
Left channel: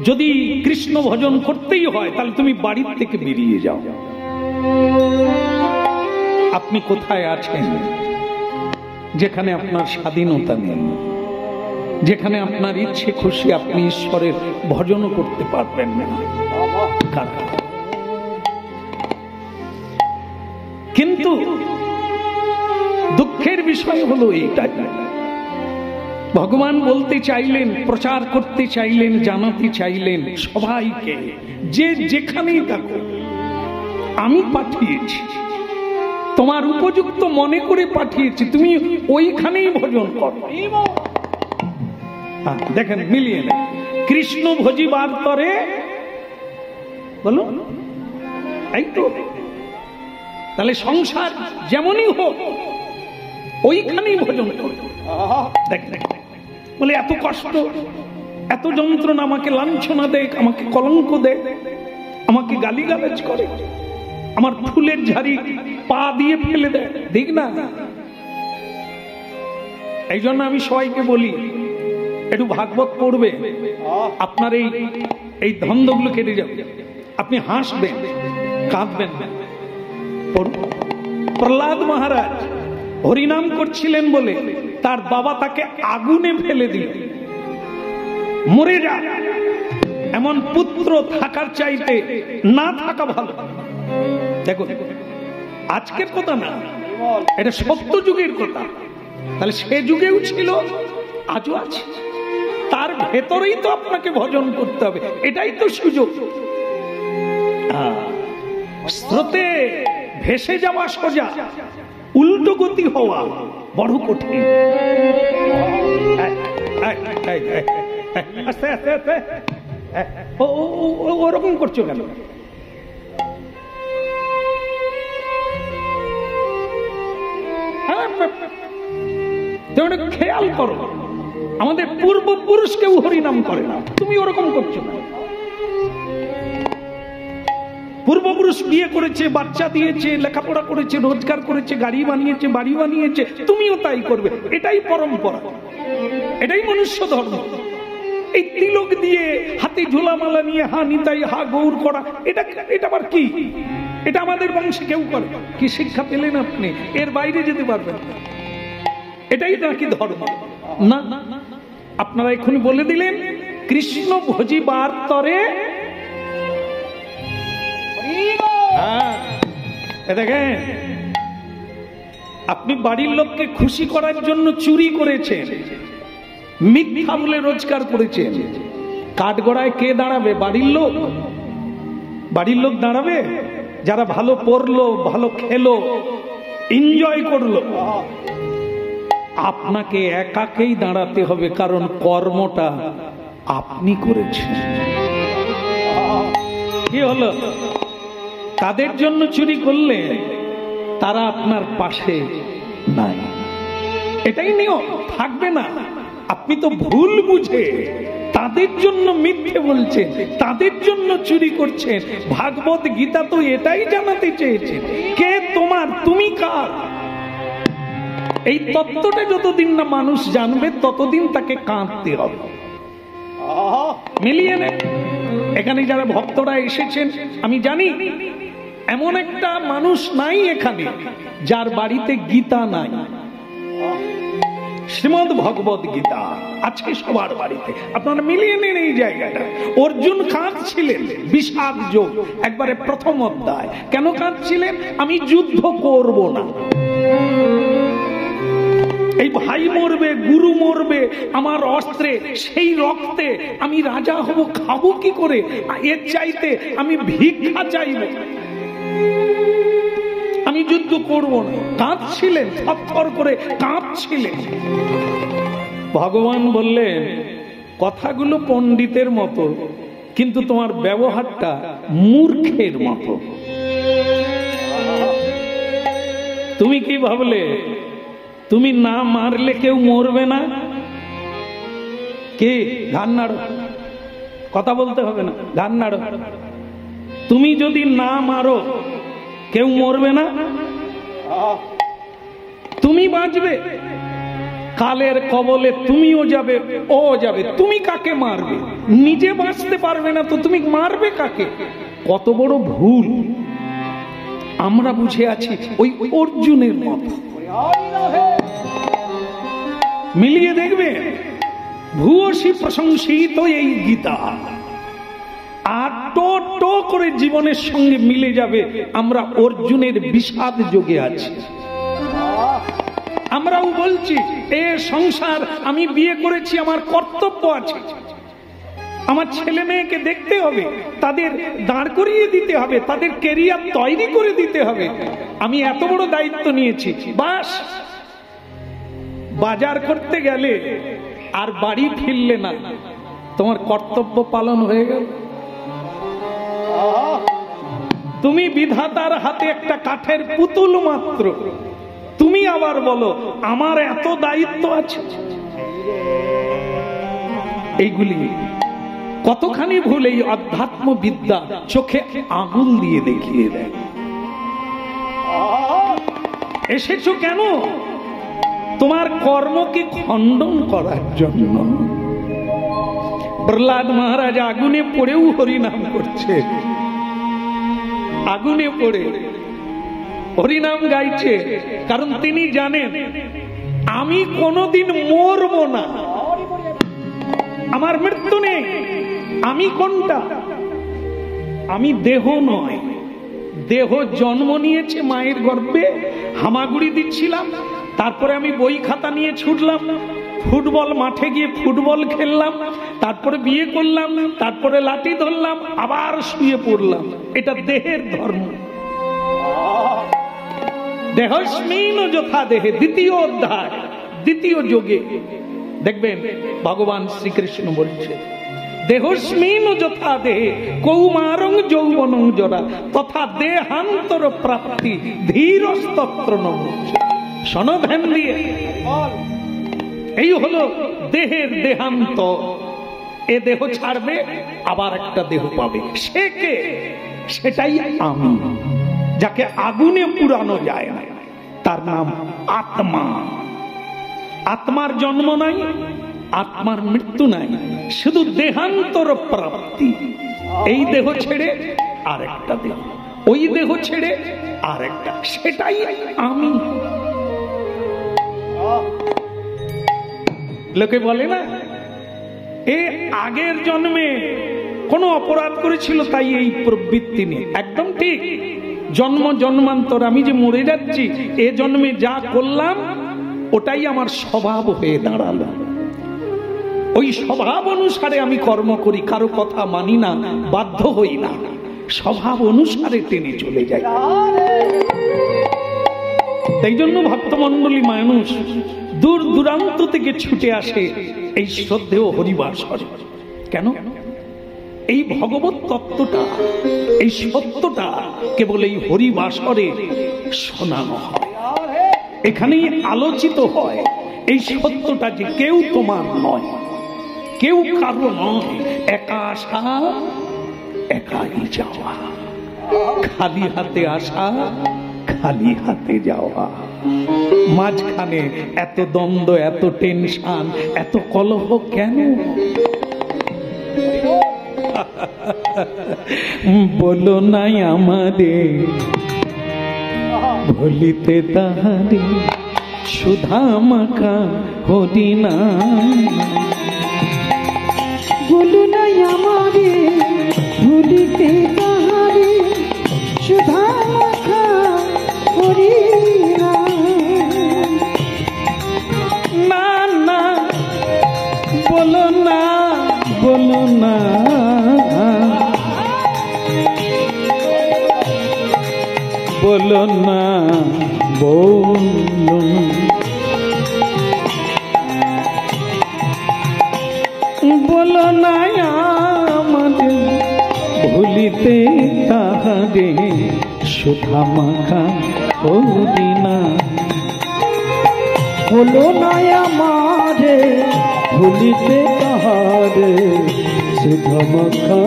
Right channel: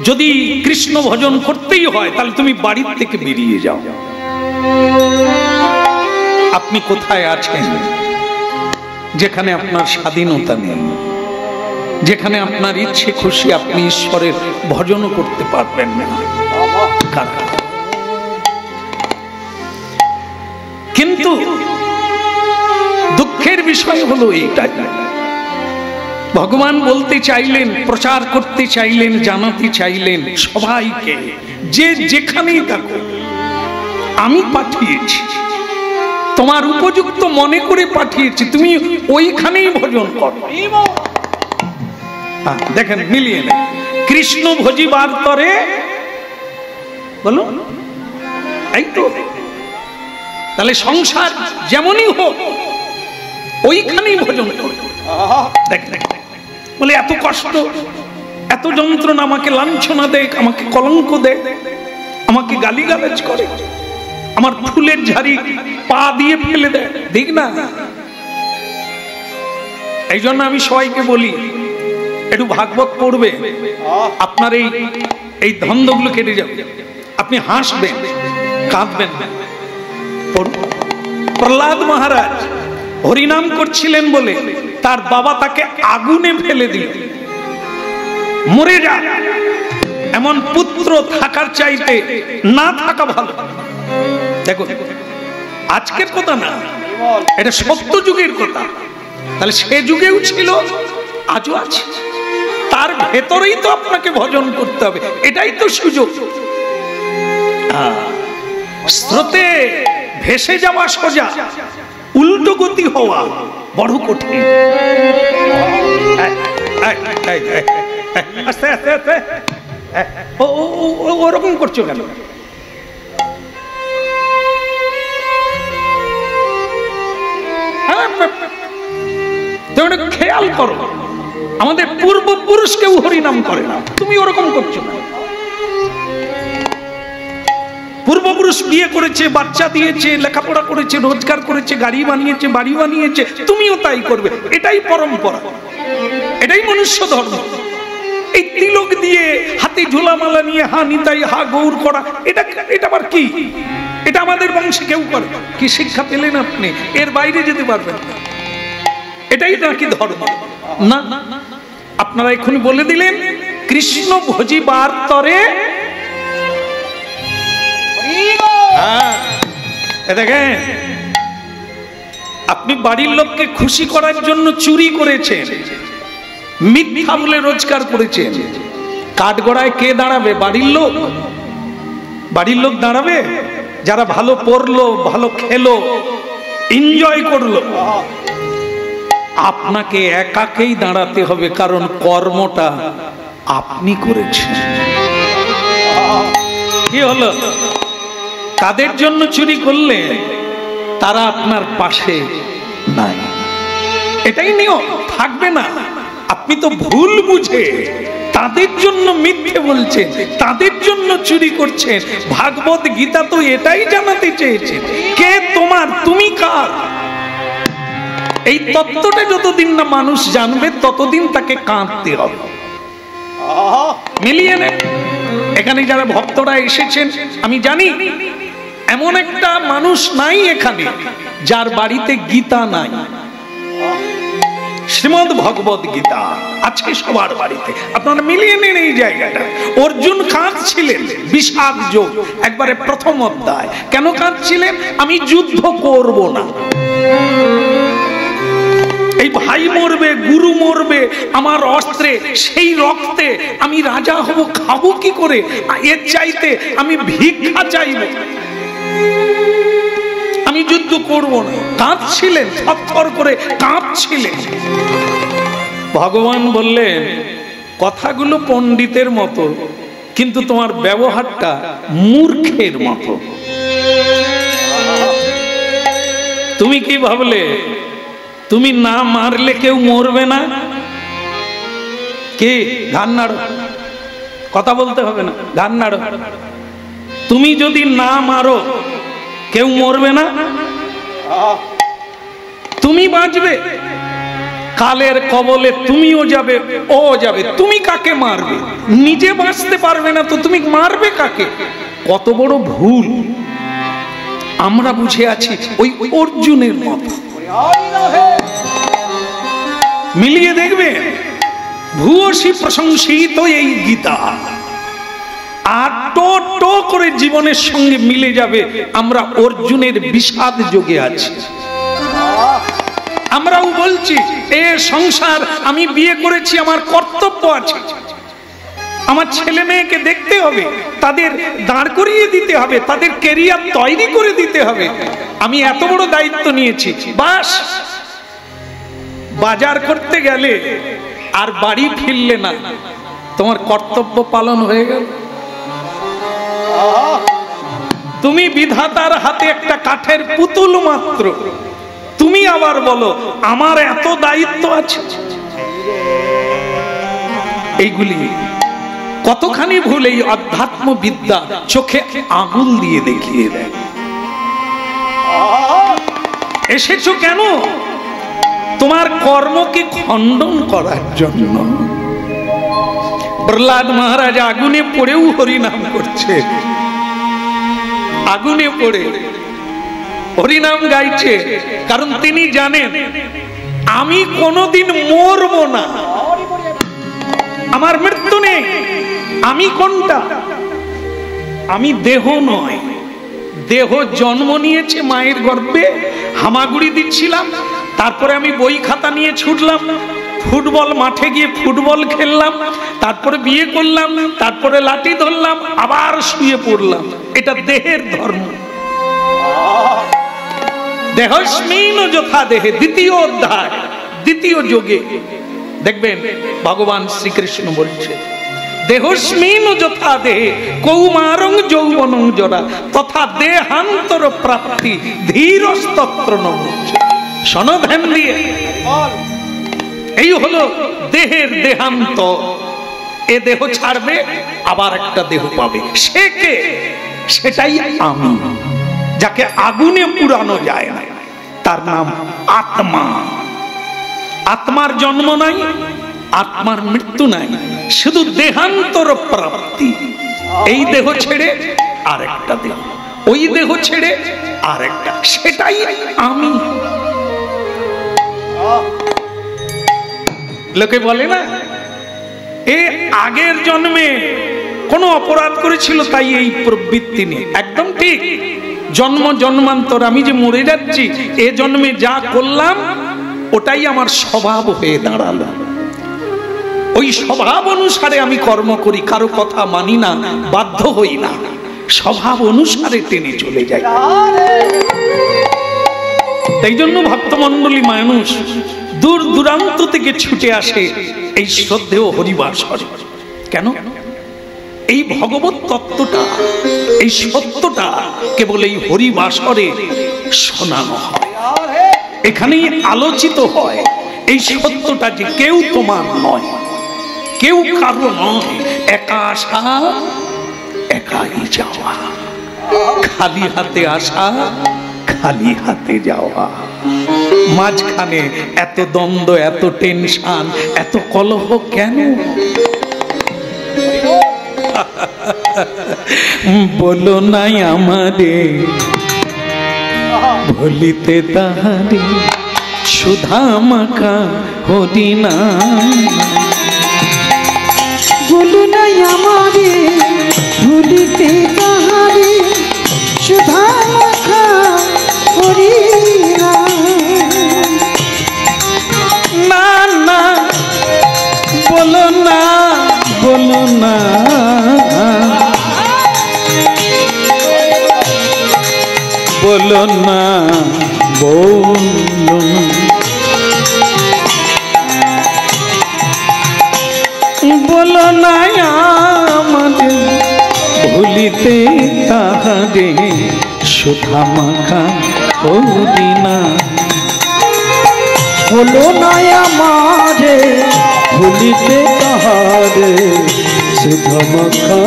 যদি কৃষ্ণ ভজন করতেই হয় তাহলে তুমি বাড়ির থেকে বেরিয়ে যাও। আপনি কোথায় আছেন যেখানে আপনার স্বাধীনতা নেই, যেখানে আপনার ইচ্ছে খুশি আপনি ঈশ্বরের ভজনও করতে পারবেন না? কিন্তু দুঃখের বিষয় হলো এইটাই, ভগবান বলতে চাইলেন, প্রচার করতে চাইলেন, জানাতে চাইলেন সবাইকে, যে যেখানেই থাকো আমি পাঠিয়েছি, তোমার উপযুক্ত মনে করে পাঠিয়েছি, তুমি ওইখানেই ভজন করো। দেখেন মিলিয়ে নেন, কৃষ্ণ ভজিবার তরে বলো, এই তো। তাহলে সংসার যেমনই হোক ওইখানেই ভজন করো। দেখেন বলে এত কষ্ট, এত যন্ত্রণা, আমাকে লাঞ্ছনা দেয়, আমাকে কলঙ্ক দেয়, আমাকে গালিগালাজ করে, আমার ফুলের ঝাড়ি পা দিয়ে ফেলে দেয়, দেখ না। এই জন্য আমি সবাইকে বলি একটু ভাগবত পড়বে, আপনার এই ধন্দগুলো কেটে যাবে, আপনি হাসবেন, কাঁদবেন না। প্রহ্লাদ মহারাজ হরিনাম করছিলেন বলে তার বাবা তাকে আগুনে ফেলে দিল, মরে যা, এমন পুত্র থাকার চাইতে না থাকা ভালো। দেখো আজকের কথা না, এটা সত্য যুগের কথা। তাহলে সে যুগেও ছিল, আজও আছে, তার ভেতরেই তো আপনাকে ভজন করতে হবে, এটাই তো সুযোগ। স্রোতে ভেসে যাওয়া সোজা, উল্টো গতি হওয়া বড় কঠিন। আস্তে আস্তে আস্তে, ওরকম করছো কেন? খেয়াল করো, আমাদের পূর্বপুরুষ কেউ হরিনাম করে না, তুমি ওরকম করছো না। পূর্বপুরুষ বিয়ে করেছে, বাচ্চা দিয়েছে, লেখাপড়া করেছে, রোজগার করেছে, গাড়ি বানিয়েছে, বাড়ি বানিয়েছে, তুমিও তাই করবে। এটাই পরম্পরা, এটাই মনুষ্য ধর্ম। এই তিলক দিয়ে হাতে ঝোলামালা নিয়ে হা নিতাই হা গৌর করা, এটা আবার কি? এটা আমাদের বংশে কেউ করে। কি শিক্ষা পেলেন আপনি? এর বাইরে যেতে পারবেন না, এটাই নাকি ধর্ম? না, আপনারা এখন বলে দিলেন কৃষ্ণ ভজিবার তরে। দেখেন আপনি বাড়ির লোককে খুশি করার জন্য চুরি করেছেন, মিথ্যা বলে রোজগার করেছেন, কাঠগড়ায় কে দাঁড়াবে? বাড়ির লোক। বাড়ির লোক দাঁড়াবে যারা ভালো পড়লো, ভালো খেলো, এনজয় করলো। আপনাকে একাকেই দাঁড়াতে হবে, কারণ কর্মটা আপনি করেছেন। কি হলো? কাদের জন্য চুরি করলে? তারা আপনার পাশে নাই, এটাই নিয়ম, থাকবে না। আপনি তো ভুল বুঝে তাদের জন্য মিথ্যে বলছেন, তাদের জন্য চুরি করছেন। ভাগবত গীতা তো এটাই জানাতে চেয়েছে, কে তোমার, তুমি কার। এই তত্ত্বটা যতদিন না মানুষ জানবে ততদিন তাকে কাঁদতে হবে। মিলিয়ে নেন। এখানে যারা ভক্তরা এসেছেন, আমি জানি এমন একটা মানুষ নাই এখানে যার বাড়িতে গীতা নাই। শ্রীমদ্ ভগবত গীতা আছে সবার বাড়িতে, আপনারা মিলিয়ে নিন এই জায়গাটা। অর্জুন কাঁদছিলেন বিষাদ যোগ, একবারে প্রথম অধ্যায়। কেন কাঁদছিলেন? আমি যুদ্ধ করব না, এই ভাই মরবে, গুরু মরবে আমার অস্ত্রে, সেই রক্তে আমি রাজা হব, খাবো কি করে? এর চাইতে আমি ভিক্ষা চাইব, আমি যুদ্ধ করব না। কাঁদছিলেন, থরথর করে কাঁদছিলেন। ভগবান বললেন, কথাগুলো পণ্ডিতের মতো, কিন্তু তোমার ব্যবহারটা মূর্খের মতো। তুমি কি ভাবলে তুমি না মারলে কেউ মরবে না? কে? ঘাড় নাড়ো, কথা বলতে হবে না, ঘাড় নাড়ো। তুমি যদি না মারো কেউ মরবে না, তুমি বাঁচবে। কালের কবলে তুমিও যাবে, ও যাবে। তুমি কাকে মারবে? নিজে বাঁচতে পারবে না তো তুমি মারবে কাকে? কত বড় ভুল আমরা বুঝে আছি ওই অর্জুনের মতো। মিলিয়ে দেখবে, ভূয়সী প্রশংসিত এই গীতা, আর টো টো করে জীবনের সঙ্গে মিলে যাবে আমরা অর্জুনের বিষাদ যোগে আছি। আমরাও বলছি এ সংসার, আমি বিয়ে করেছি, আমার কর্তব্য আছে, আমার ছেলে মেয়েকে দেখতে হবে, তাদের দাঁড় করিয়ে দিতে হবে, তাদের ক্যারিয়ার তৈরি করে দিতে হবে। আমি এত বড় দায়িত্ব নিয়েছি, বাস। বাজার করতে গেলে আর বাড়ি ফিরলে না, তোমার কর্তব্য পালন হয়ে গেল। তুমি বিধাতার হাতে একটা কাঠের পুতুল মাত্র, তুমি আবার বলো আমার এত দায়িত্ব আছে। এইগুলি কতখানি ভুল এই অধ্যাত্ম বিদ্যা চোখে আঙুল দিয়ে দেখিয়ে দেয়। এসেছো কেন? তোমার কর্মকে খণ্ডন করার জন্য। প্রহ্লাদ মহারাজ আগুনে পড়েও হরিনাম করছে, আগুনে পড়ে হরিনাম গাইছে, কারণ তিনি জানেন আমি কোনোদিন মরব না, আমার মৃত্যু নেই। আমি কোনটা? আমি দেহ নয়। দেহ জন্ম নিয়েছে মায়ের গর্ভে, হামাগুড়ি দিচ্ছিলাম, তারপরে আমি বই খাতা নিয়ে ছুটলাম, ফুটবল মাঠে গিয়ে ফুটবল খেললাম, তারপরে বিয়ে করলাম, তারপরে লাঠি ধরলাম, আবার শুয়ে পড়লাম। এটা দেহের ধর্ম। দেহস্মিন যথা দেহে, দ্বিতীয় অধ্যায়, দ্বিতীয় যোগে দেখবেন ভগবান শ্রীকৃষ্ণ বলছে, দেহস্মিন যথা দেহে কৌমারং যৌবনং জরা তথা দেহান্তর প্রাপ্তি ধীরস্তত্র ন মুচ্যতে। শোনো ধ্যান দিয়ে, এই হলো দেহের দেহান্ত। এ দেহ ছাড়বে, আবার একটা দেহ পাবে। সে কে? সেটাই আমি, যাকে আগুনে পুরানো যায় না, তার নাম আত্মা। আত্মার জন্ম নাই, আত্মার মৃত্যু নাই, শুধু দেহান্তর প্রাপ্তি। এই দেহ ছেড়ে আরেকটা দেহ, ওই দেহ ছেড়ে আরেকটা, সেটাই আমি। লোকে বলে না এ আগের জন্মে কোনো অপরাধ করেছিল তাই এই প্রবৃত্তি নেই। একদম ঠিক। জন্ম জন্মান্তর আমি যে মরে যাচ্ছি, এ জন্মে যা করলাম ওটাই আমার স্বভাব হয়ে দাঁড়ালো। ওই স্বভাব অনুসারে আমি কর্ম করি, কারো কথা মানি না, বাধ্য হই না, স্বভাব অনুসারে টেনে চলে যাই। তাই জন্য ভক্তমণ্ডলী মানুষ দূর দূরান্ত থেকে ছুটে আসে এই শ্রদ্ধেয় হরিবাসরে। কেন? এই ভগবত তত্ত্বটা, এই সত্যটা কেবল এই হরিবাসরে শোনানো হয়, এখানেই আলোচিত হয়। এই সত্যটা যে কেউ তোমার নয়, কেউ কারো নয়, একা আসা একাই যাওয়া, খালি হাতে আসা খালি হাতে যাওয়া। মাঝখানে এত দ্বন্দ্ব, এত টেনশন, এত কলহ কেন? বলো নাই আমাদের, ভুলিতে তাহারে সুধা মাখা হরি নাম। বলো না আমারে ভুলিতে তাহারে সুধা মাখা হরি নাম। না না বলো না, বলো না, বলো না, বলো না, বলো না আমাদের ভুলিতে তাহারে সুধা মাখা হরি নাম। বলো না আমারে ভুলিতে তাহারে সুধা মাখা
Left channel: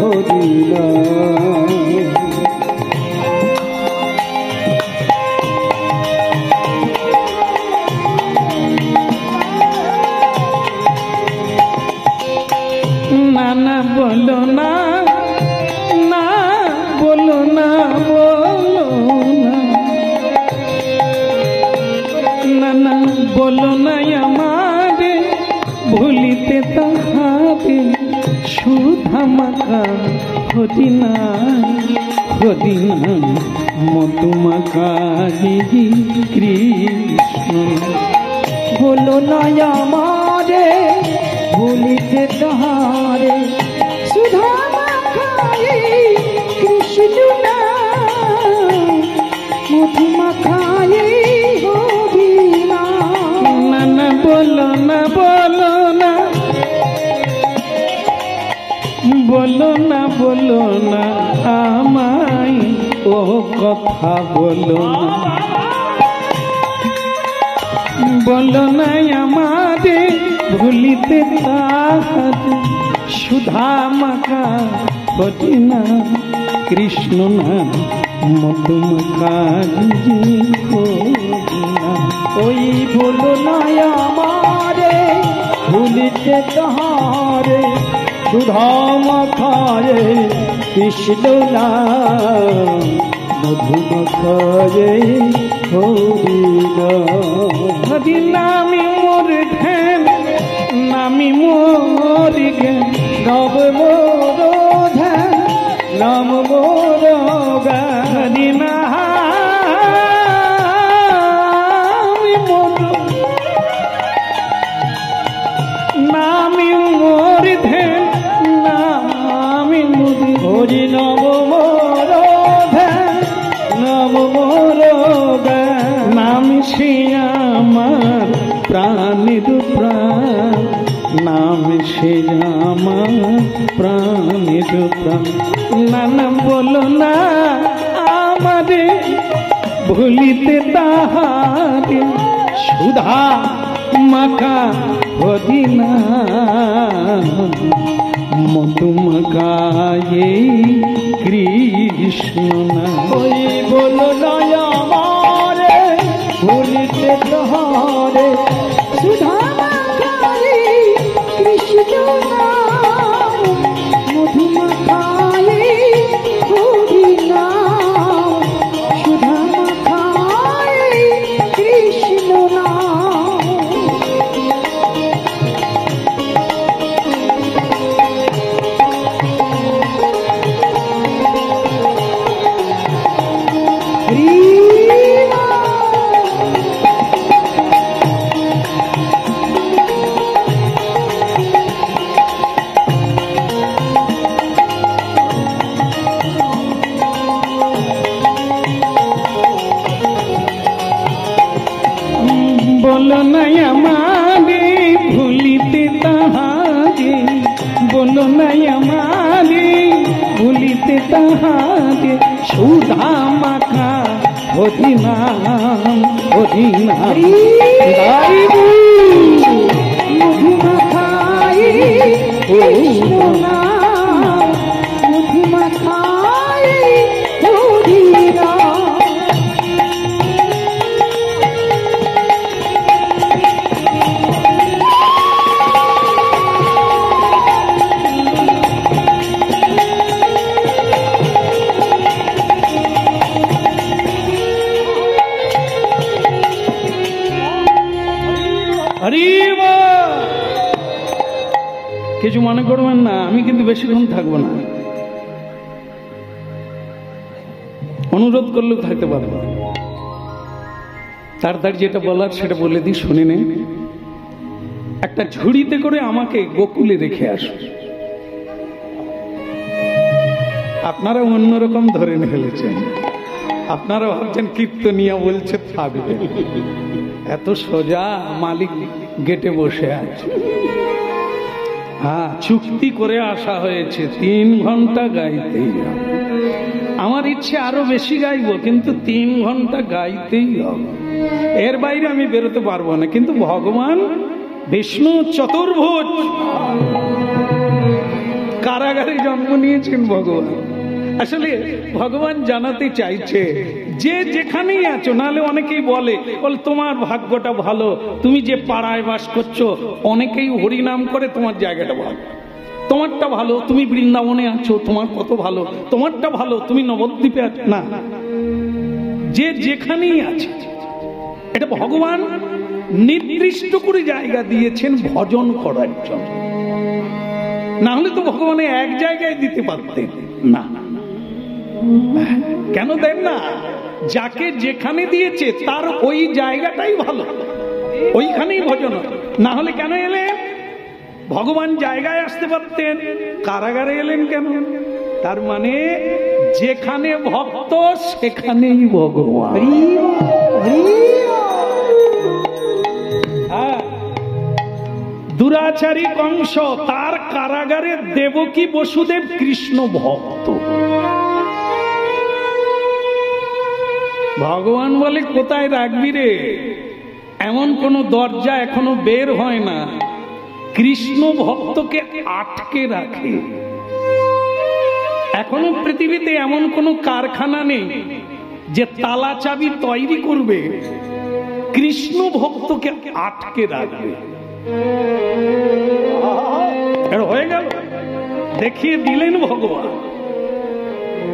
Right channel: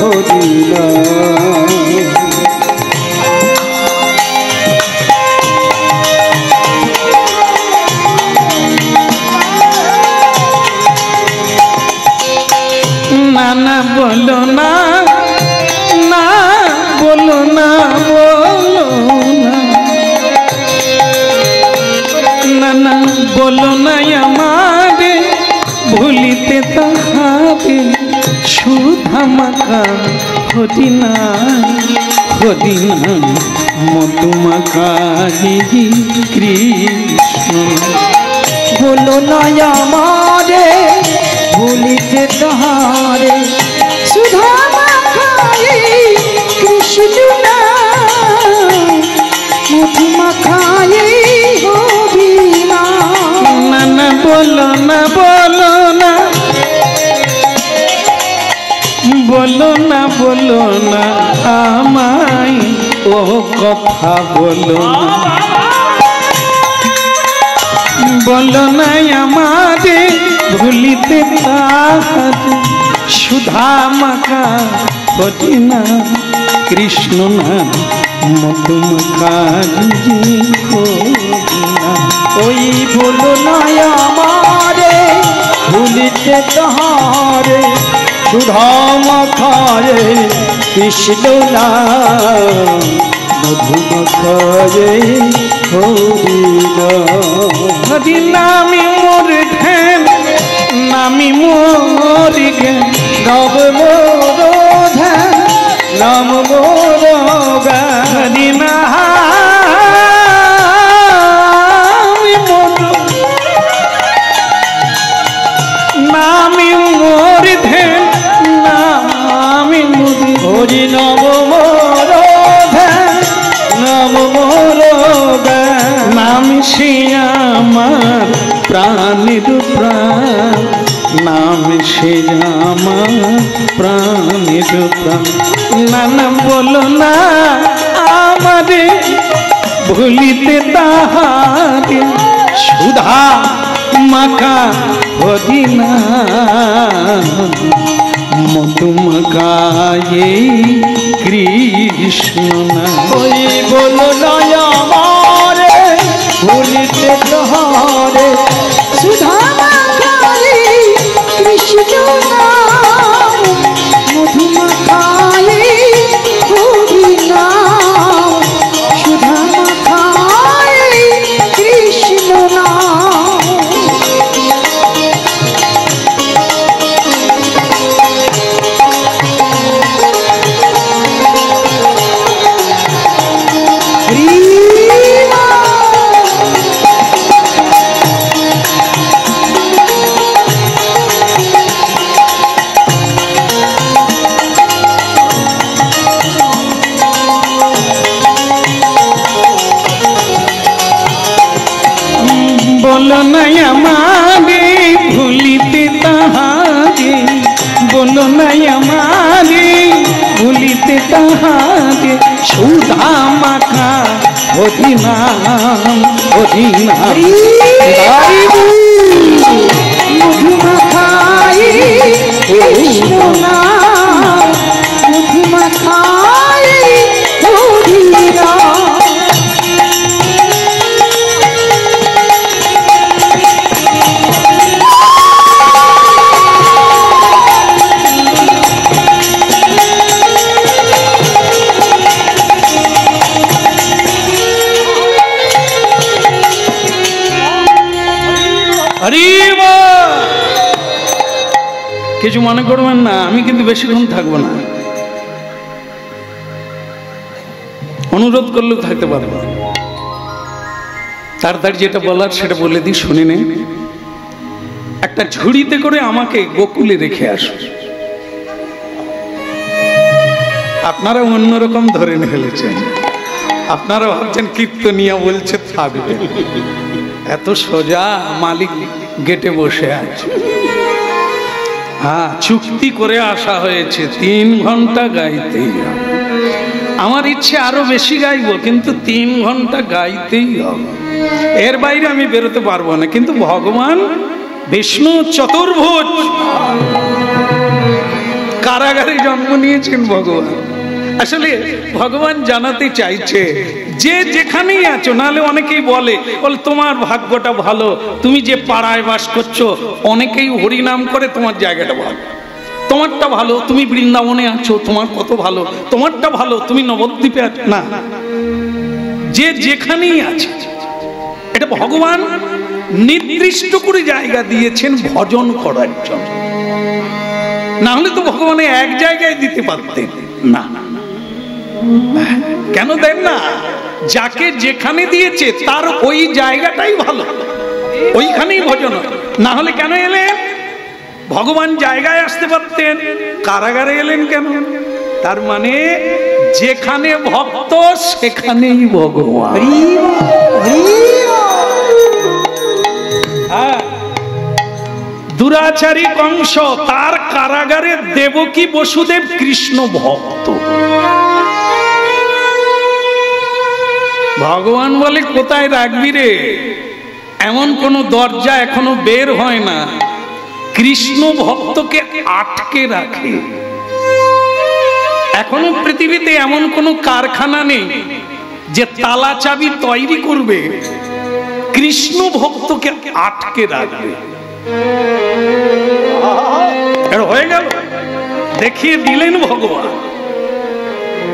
হরি নাম। না না বলো না, না বলো না, বলো না, না না বলো না আমারে ভুলিতে তাহারে সুধা মাখা হরি নাম। হরি নাম মধু মাখা কৃষ্ণ। বলো না আমারে ভুলিতে তাহারে সুধা মাখা কৃষ্ণ নাম। মধু মাখা হরি নাম। না না বলো না, বলো না, বলো না, বলো না আমায় ও কথা বলো না। বলো না আমারে ভুলিতে তাহারে সুধা মাখা হরি নাম। কৃষ্ণ নাম মধু মাখা হরি নাম। ওই বলো না আমারে ভুলিতে তাহারে সুধা মাখা কৃষ্ণ নাম। মধু মাখা হরি নাম। হরি নামি মোর ধ্যান, নামি মোর জ্ঞান, নব মোর ধ্যান নাম মোর গান। হরি নামি মোর, নামি মোর ধ্যান, নামি মোর হরি নব মোর ধ্যান নাম মোর গান। নাম সে আমার প্রাণের প্রাণ, নাম সে আমার প্রাণের প্রাণ। না না বলো না আমারে ভুলিতে তাহারে সুধা মাখা হরি নাম। মধু মাখা কৃষ্ণ নাম। ওই বলো না আমারে ভুলিতে তাহারে সুধা মাখা কৃষ্ণ নাম। মধু মাখা হরি নাম। সুধা মাখা কৃষ্ণ নাম। বলো না আমারে ভুলিতে তাহারে, বলো না আমারে ভুলিতে তাহারে সুধা মাখা হরি নাম। হরি নাম মধু মাখা কৃষ্ণ নাম। মধু মাখা হরি নাম। কিছু মনে করবেন না, আমি কিন্তু বেশিক্ষণ থাকবো না, অনুরোধ করলেও থাকতে পারবো। তাড়াতাড়ি যেটা বলার সেটা বলে দিই, শুনে নিন। একটা ঝুড়িতে করে আমাকে গোকুলে রেখে আসো। আপনারা অন্যরকম ধরে ফেলেছেন, আপনারা ভাবছেন কীর্তনিয়া বলছে থাকবে, এত সোজা মালিক গেটে বসে আছে। হ্যাঁ, চুক্তি করে আসা হয়েছে 3 ঘন্টা গাইতেই হবে। আমার ইচ্ছে আরো বেশি গাইবো, কিন্তু 3 ঘন্টা গাইতেই হবে, এর বাইরে আমি বেরোতে পারবো না। কিন্তু ভগবান বিষ্ণু চতুর্ভুজ, কারাগারে জন্ম নিয়েছেন ভগবান। আসলে ভগবান জানাতে চাইছে যে যেখানেই আছো, নাহলে অনেকেই বলে তোমার ভাগ্যটা ভালো, তুমি যে পাড়ায় বাস করছো অনেকেই হরিনাম করে, তোমার জায়গাটা ভালো, তোমারটা ভালো, তুমি বৃন্দাবনে আছো, তোমার কত ভালো, তোমারটা ভালো, তুমি নবদ্বীপে আছো। না, যে যেখানেই আছে, এটা ভগবান নির্দিষ্ট করে জায়গা দিয়েছেন ভজন করার জন্য। না হলে তো ভগবান এক জায়গায় দিতে পারতেন না। কেন দেন না? যাকে যেখানে দিয়েছে তার ওই জায়গাটাই ভালো, ওইখানেই ভজন। না হলে কেন এলেন? ভগবান জায়গায় আসতে পারতেন, কারাগারে এলেন কেন? তার মানে যেখানে ভক্ত সেখানেই ভগবান। দুরাচারী কংস, তার কারাগারে দেবকী বসুদেব কৃষ্ণ ভক্ত। ভগবান বলে কোথায় রাখবি রে? এমন কোন দরজা এখনো বের হয় না, কৃষ্ণ ভক্তকে আটকে রাখে। এখনো পৃথিবীতে এমন কোন কারখানা নেই যে তালা চাবি তৈরি করবে, কৃষ্ণ ভক্তকে আটকে রাখবে। হয়ে গেল, দেখিয়ে দিলেন ভগবান।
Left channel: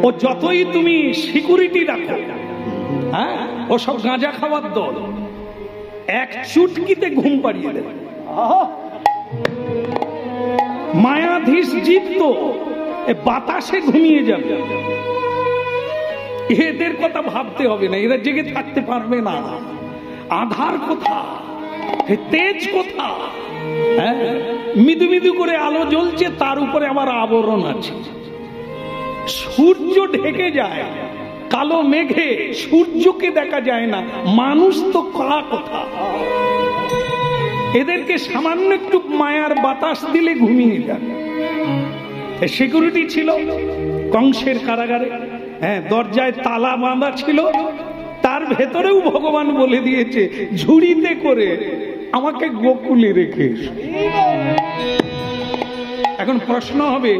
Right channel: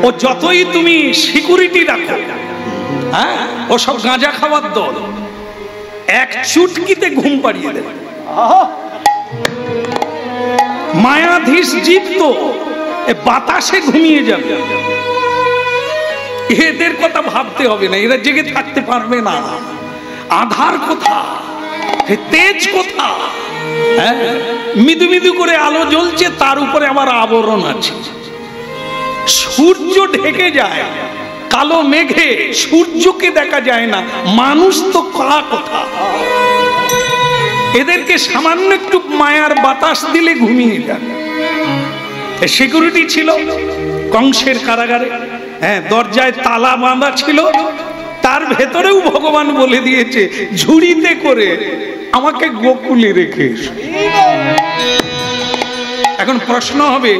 ও যতই তুমি সিকিউরিটি রাখো, হ্যাঁ, ও সব গাঁজা খাওয়ার দল, এক চুটকিতে ঘুম পাড়িয়ে দেবে। মায়াধীশ জীব তো বাতাসে ঘুমিয়ে যাবে, এদের কথা ভাবতে হবে না, এরা জেগে থাকতে পারবে না। আধার কোথা, তেজ কোথা? মৃদু মৃদু করে আলো জ্বলছে, তার উপরে আবার আবরণ আছে। সূর্য ঢেকে যায় কালো মেঘে, সূর্যকে দেখা যায় না, মানুষ তো কালা কোথা? এদেরকে সামান্য একটু মায়ার বাতাস দিলে ঘুমিয়ে যায়। সিকিউরিটি ছিল কংসের কারাগারে, হ্যাঁ, দরজায় তালা বাঁধা ছিল, তার ভেতরেও ভগবান বলে দিয়েছে ঝুড়িতে করে আমাকে গোকুলে রেখে এসো। এখন প্রশ্ন হবে,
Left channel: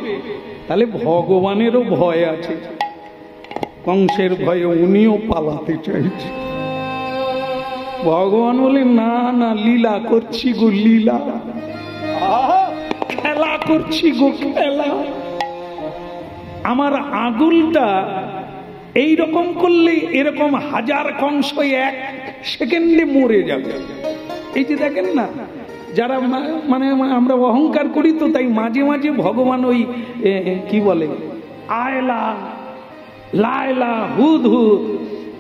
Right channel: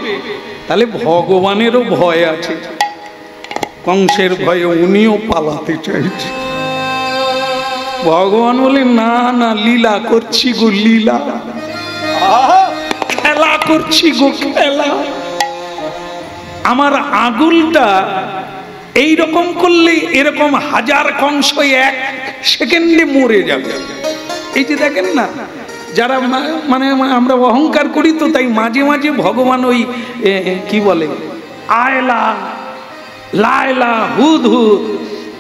তাহলে ভগবানেরও ভয় আছে, কংসের ভয়ে উনিও পালাতে চাইছে। ভগবান বলে না না, লীলা করছি গো, লীলা, খেলা করছি গো, খেলা। আমার আগুলটা এইরকম করলে এরকম 1000 কংস 1 সেকেন্ডে মরে যাবে। এই যে দেখেন না, যারা মানে আমরা অহংকার করি তো, তাই মাঝে মাঝে ভগবান ওই কি বলে আয়লা, লায়লা, হুদ হুদ,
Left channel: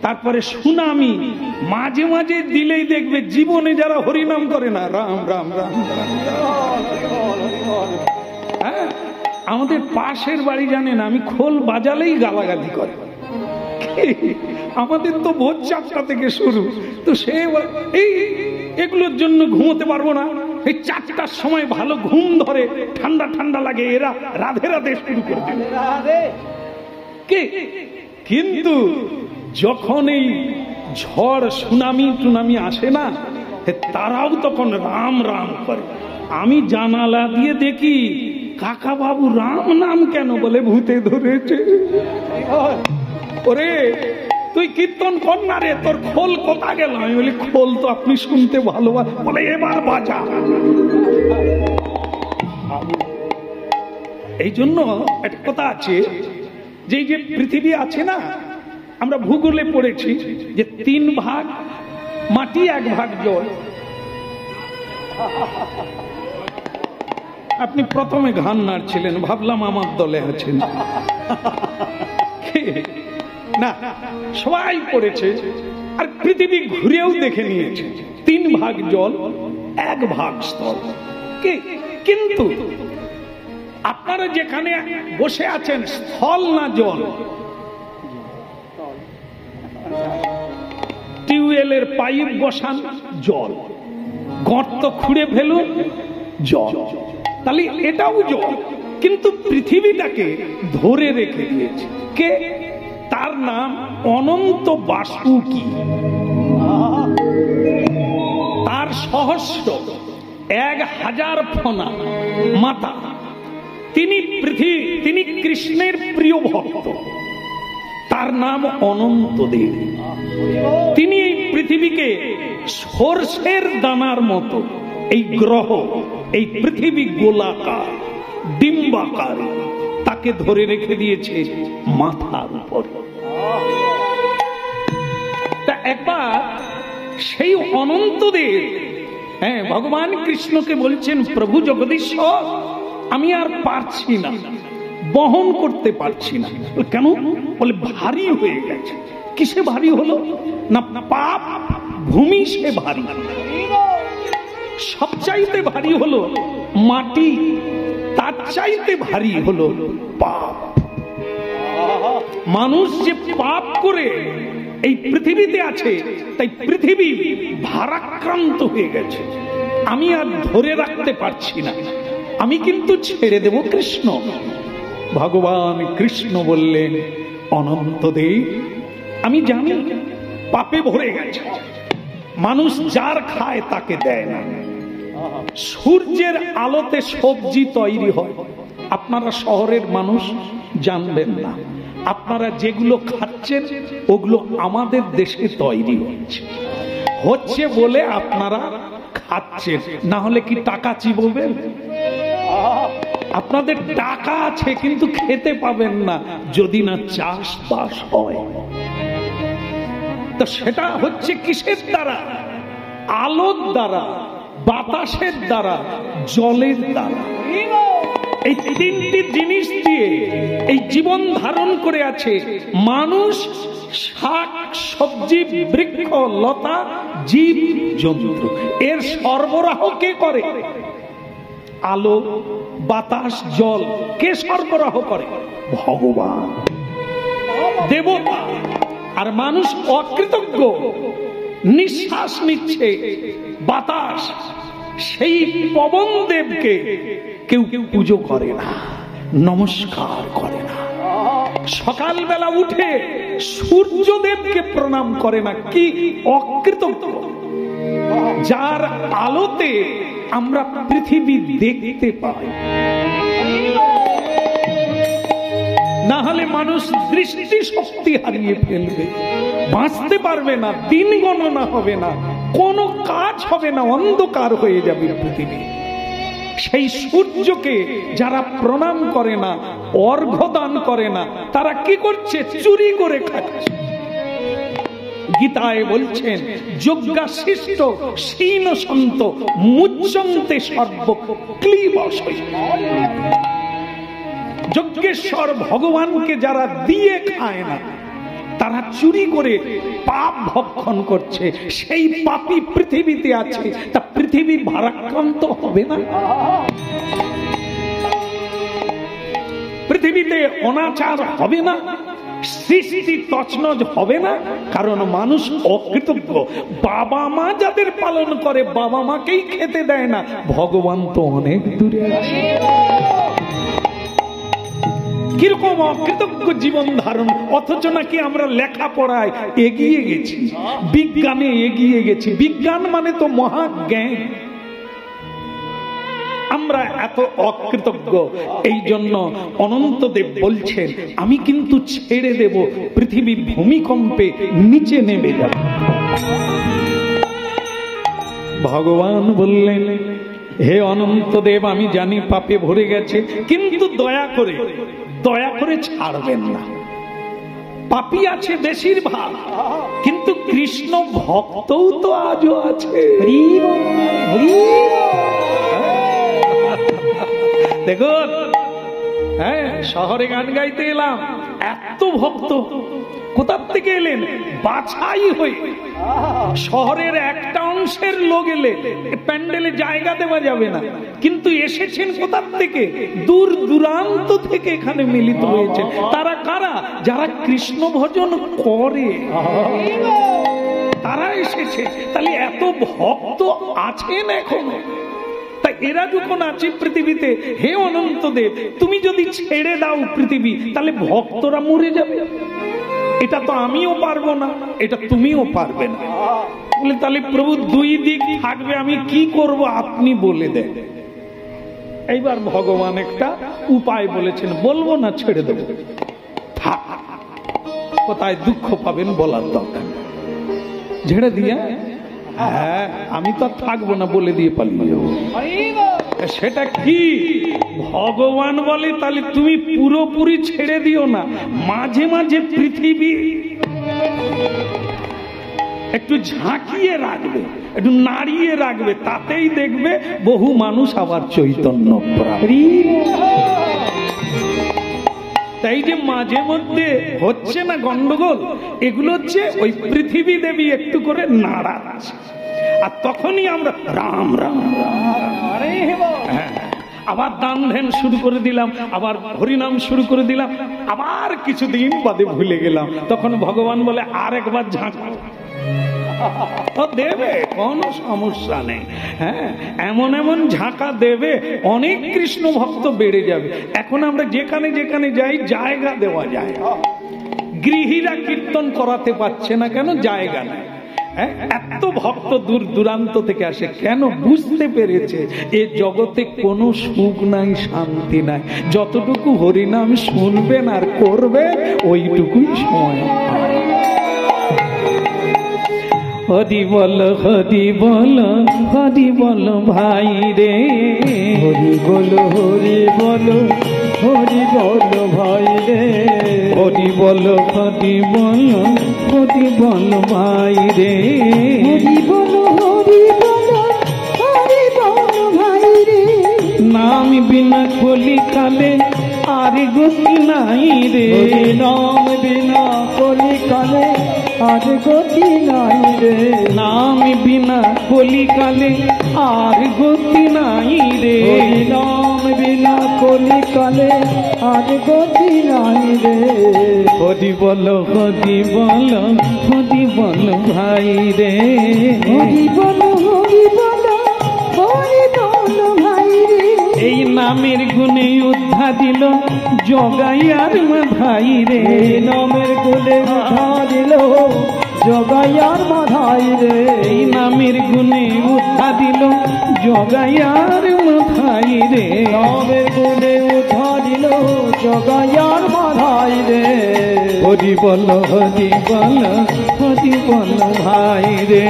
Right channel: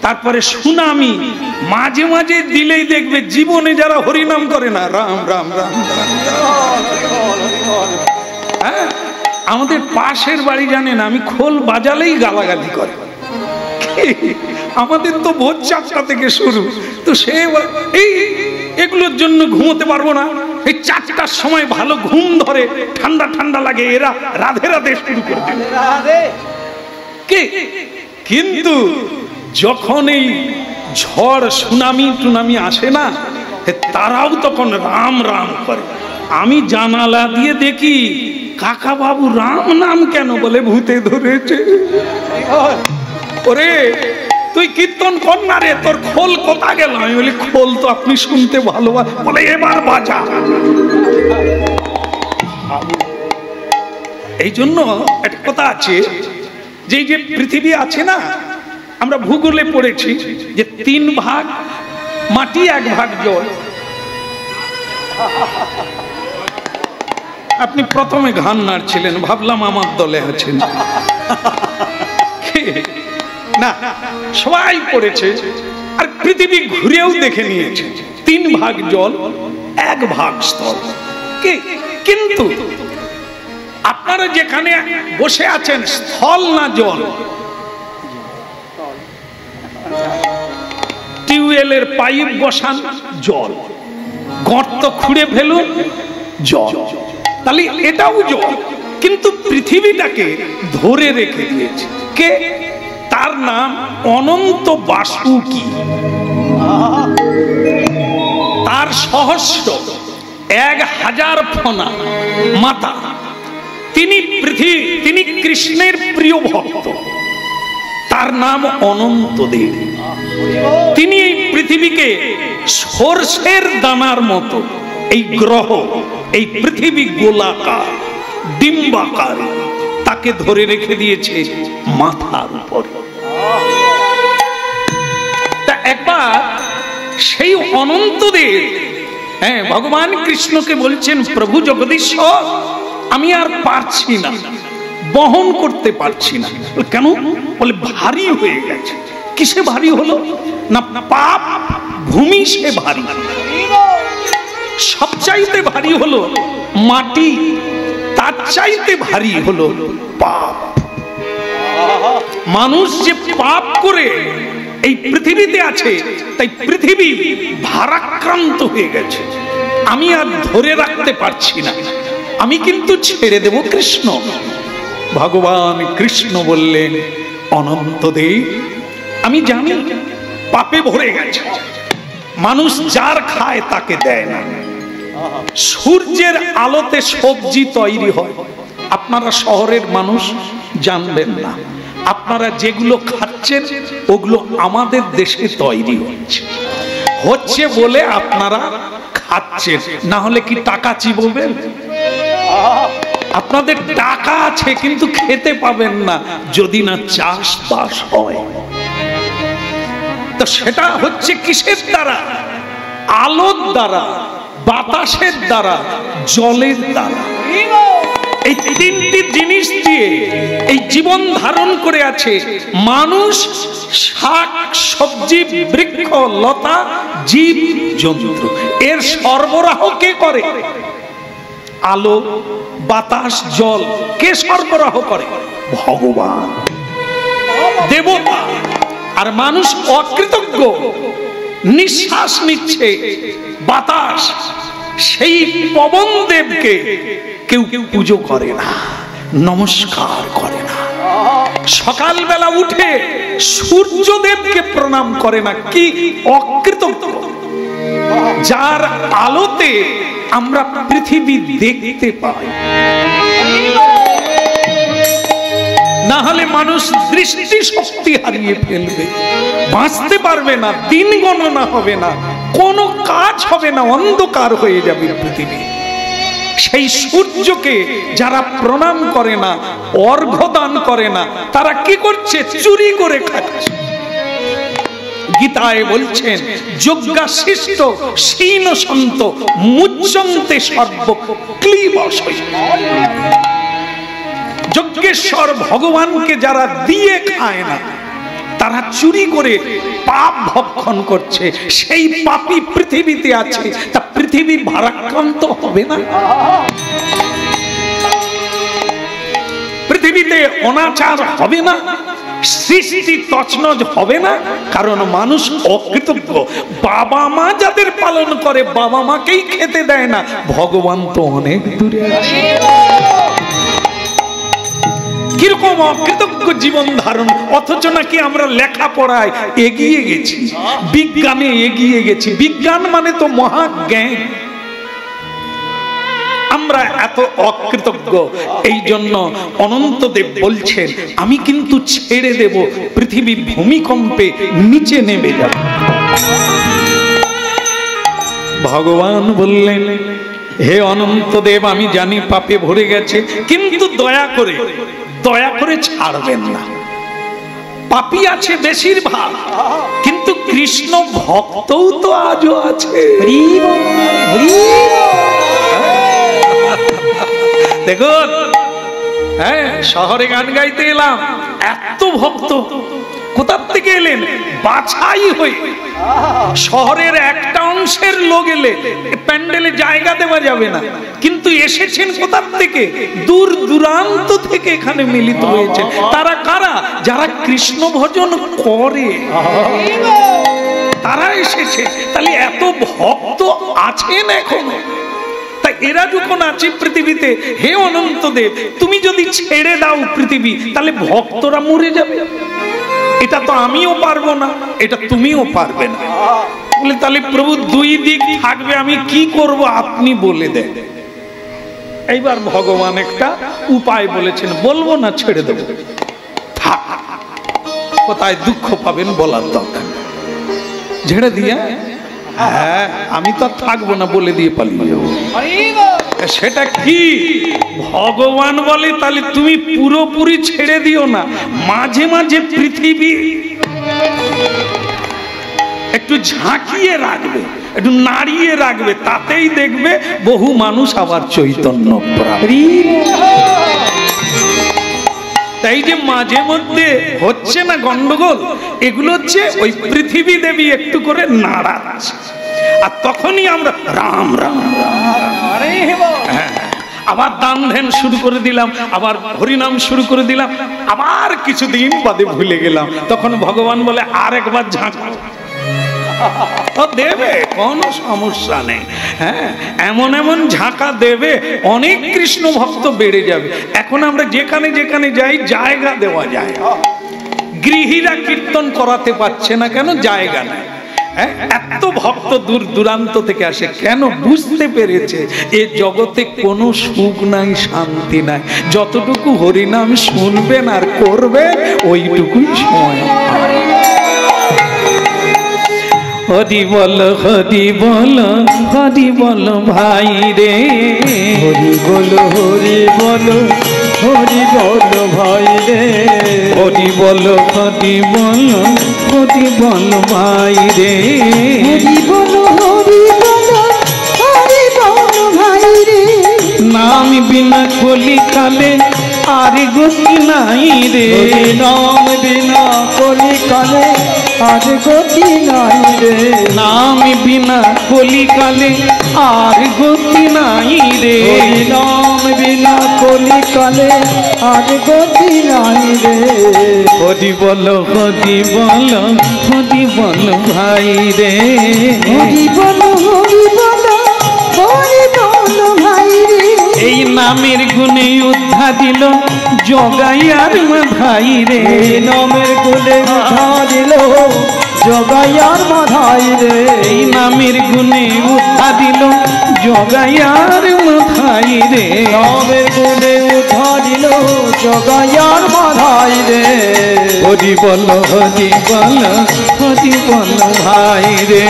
তারপরে সুনামি মাঝে মাঝে দিলেই দেখবে জীবনে যারা হরিনাম করে না, রাম রাম রাম রাম। হ্যাঁ, আমাদের পাশের বাড়ি জানেন, আমি খোল বাজালেই গালাগালি করে। আমাদের তো ভোর 4টা থেকে শুরু, তো সে এই এগুলোর জন্য ঘুমোতে পারবো না। এই 4টার সময় ভালো ঘুম ধরে, ঠান্ডা ঠান্ডা লাগে, এরা রাধে রাধে শুরু করে দেবে। কিন্তু যখন এই ঝড় সুনামি টুনামি আসে না, তারাও তখন রাম রাম করে। আমি জানালা দিয়ে দেখি, কাকা বাবু রাম নাম কেন? বলে ভূতে ধরেছে। ওরে তুই কীর্তন কর না রে, তোর খোল কোথা গেল? আমি বলি খোল তো আপনি শুনতে ভালোবাসেন। বলে এবার বাজা। এই জন্য একটা কথা আছে, যে যে পৃথিবী আছে না, আমরা ভূগোলে পড়েছি যে 3 ভাগ মাটি, 1 ভাগ জল। আপনি প্রথমে ঘান নাড়ছিলেন, ভাবলাম আমার দলে আছেন। না, সবাই পড়েছে, আর পৃথিবী ঘুরেও দেখে নিয়েছে 3 ভাগ জল 1 ভাগ স্থল। কিন্তু আপনারা যেখানে বসে আছেন স্থল না জল? টিউবওয়েলের পাইপ বসান জল, গর্ত খুঁড়ে ফেলুন জল, তাহলে এটাও জল। কিন্তু পৃথিবীটাকে ধরে রেখে দিয়েছে কে? তার নাম অনন্ত বাসুকি। তার সহস্র 1000 ফনা মাতা। তিনি কৃষ্ণের প্রিয় ভক্ত। তার নাম অনন্তদেব। তিনি এই পৃথিবীকে সরষের দানার মতো, এই গ্রহ, এই পৃথিবী গোলাকার ডিম্বাকার, তাকে ধরে রেখে দিয়েছে মাথার উপর। তা একবার সেই অনন্তদেব, হ্যাঁ, ভগবান কৃষ্ণকে বলছেন, প্রভু জগদীশ্বর, আমি আর পারছি না, বহন করতে পারছি না। কেন? বলে ভারী হয়ে গেছে। কিসে ভারী হলো? না, পাপ ভূমি সে ভারী। সবচাইতে ভারী হলো মাটি, তার চাইতে ভারী হলো পাপ। মানুষ যে পাপ করে এই পৃথিবীতে আছে, তাই পৃথিবী ভারাক্রান্ত হয়ে গেছে। আমি আর ধরে রাখতে পারছি না, আমি কিন্তু ছেড়ে দেব কৃষ্ণ। ভগবান কৃষ্ণ বললেন, অনন্তদেব, আমি জানি পাপে ভরে গেছে, মানুষ যার খায় তাকে দেয় না। সূর্যের আলোতে সবজি তৈরি হয়, আপনারা শহরের মানুষ জানবেন না। আপনারা যেগুলো খাচ্ছেন ওগুলো আমাদের দেশে তৈরি হচ্ছে বলে আপনারা খাচ্ছেন, না হলে কি টাকা চিববেন? আপনাদের টাকা আছে কিন্তু খেতে পাবেন না যদি না চাষবাস হয়। তো সেটা হচ্ছে কিসের দ্বারা? আলোর দ্বারা, বাতাসের দ্বারা, জলের দ্বারা। এই 3টি জিনিস দিয়ে এই জীবন ধারণ করে আছে মানুষ, শাক সবজি, বৃক্ষ লতা, জীব জন্তু। এর সরবরাহ কে করে? আলো, বাতাস, জল কে সরবরাহ করে? ভগবান, দেবতা। আর মানুষ অকৃতজ্ঞ, নিঃশ্বাস নিচ্ছে বাতাস, সেই পবন দেবকে কেউ পুজো করে না, নমস্কার করে না। সকালবেলা উঠে সূর্যদেবকে প্রণাম করে না। কি অকৃতজ্ঞ! যার আলোতে আমরা পৃথিবী দেখতে পাই, না হলে মানুষ দৃষ্টি শক্তি হারিয়ে ফেলবে, বাঁচতে পারবে না, দিন গণনা হবে না, কোনো কাজ হবে না, অন্ধকার হয়ে যাবে পৃথিবী। সেই সূর্যকে যারা প্রণাম করে না, অর্ঘ্য দান করে না, তারা কি করছে? চুরি করে খাচ্ছে। গীতায় বলছেন, যজ্ঞাশিষ্ট শীন সন্ত মুচ্যন্তে সর্ব ক্লীবশৈ। যজ্ঞেশ্বর ভগবানকে যারা দিয়ে খায় না, তারা চুরি করে পাপ ভক্ষণ করছে। সেই পাপী পৃথিবীতে আছে, তা পৃথিবী ভারাক্রান্ত হবে না? পৃথিবীতে অনাচার হবে না? সৃষ্টি তছনছ হবে না? কারণ মানুষ অকৃতজ্ঞ। বাবা মা যাদের পালন করে, বাবা মাকেই খেতে দেয় না, ভগবান তো অনেক দূরে আছে। কিরকম অকৃতজ্ঞ জীবন ধারণ! অথচ নাকি আমরা লেখাপড়ায় এগিয়ে গেছি, বিজ্ঞানে এগিয়ে গেছি। বিজ্ঞান মানে তো মহাজ্ঞান। আমরা এত অকৃতজ্ঞ। এই জন্য অনন্তদেব বলছেন, আমি কিন্তু ছেড়ে দেব, পৃথিবী ভূমিকম্পে নিচে নেমে যাবে। ভগবান বললেন, হে অনন্তদেব, আমি জানি পাপে ভরে গেছে, কিন্তু দয়া করে ছাড়বেন না। পাপী আছে বেশিরভাগ, কিন্তু কৃষ্ণ ভক্তও তো আজও আছে। দেখুন, হ্যাঁ, শহরে গান গাইতে এলাম, এত ভক্ত কোথার থেকে এলেন? বাছাই হয়ে। শহরের একটা অংশের লোক এলে প্যান্ডেলে জায়গা দেওয়া যাবে না, কিন্তু এসেছেন কোথার থেকে? দূর দূরান্ত থেকে এখানে মিলিত হয়েছে। তারা কারা? যারা কৃষ্ণ ভজন করে, তারা এসেছে। তাহলে এত ভক্ত আছেন এখনো। তাই এরা যখন আছে পৃথিবীতে, হে অনন্তদেব, তুমি যদি ছেড়ে দাও পৃথিবী, তাহলে ভক্তরা মরে যাবে। এটা তো আমিও পারবো না, এটা তুমিও পারবে না। বলে তাহলে প্রভু দুই দিক থাকবে, আমি কি করব আপনি বলে দেন। এইবার ভগবান একটা উপায় বলেছেন, বলবো না, ছেড়ে দেব। কোথায় দুঃখ পাবেন বলার দরকার, ছেড়ে দিয়ে, হ্যাঁ আমি তো থাকবো না বলে দিয়ে পালিয়ে যাবো। সেটা কি? ভগবান বলে তাহলে তুমি পুরোপুরি ছেড়ে দিও না, মাঝে মাঝে পৃথিবী একটু ঝাঁকিয়ে রাখবে, একটু নাড়িয়ে রাখবে, তাতেই দেখবে বহু মানুষ আবার চৈতন্য প্রাপ্তি। তাই যে মাঝে মধ্যে হচ্ছে না গন্ডগোল, এগুলো হচ্ছে ওই পৃথিবী দেবী একটু করে নাড়াচ্ছে, আর তখনই আমরা রাম রাম আবার দান ধ্যান শুরু করে দিলাম, আবার হরিনাম শুরু করে দিলাম, আবার কিছুদিন বাদে ভুলে গেলাম। তখন ভগবান বলে আরেকবার ঝাঁকা দেবে, কোনো সমস্যা নেই। হ্যাঁ, এমন এমন ঝাঁকা দেবে, অনেক কৃষ্ণ ভক্ত বেড়ে যাবে। এখন আমরা যেখানে যেখানে যাই জায়গা দেওয়া যায়। গৃহীরা কীর্তন করাতে পারছে না কেন? জায়গা নেই। এত ভক্ত দূর দূরান্ত থেকে আসে কেন? বুঝতে পেরেছে এ জগতে কোনো সুখ নাই, শান্তি নাই। যতটুকু হরিনাম শুনবেন আর করবেন ওইটুকুই সময়। হরি বল, হরি বল, হরি বল ভাই রে, হরি বল, হরি বল, হরি বল ভাই রে, হরি বল, হরি বল, হরি বল ভাই রে, হরি বল, হরি বল, হরি বল ভাই রে। নাম বিনা কলিকালে আর গতি নাই রে, নাম বিনা কলিকালে আর গতি নাই রে, নাম বিনা কলিকালে আর গতি নাই রে, নাম বিনা কলিকালে আর গতি নাই রে। হরি বল, হরি বল, হরি বল ভাই রে, হরি বল, হরি বল, হরি বল ভাই রে। এই নামের গুণে উদ্ধা দিল জগাইয়ার মাথাই রে, নামের গুণে উঠা দিল জগাইয়ার মাথাই রে, এই নামের গুণে উদ্ধা দিল জগাইয়ার মাথাই রে, নামের গুণে উঠা দিল জগাইয়ার মাথাই রে। হরি বল, হরি বল, হরি বল ভাই রে,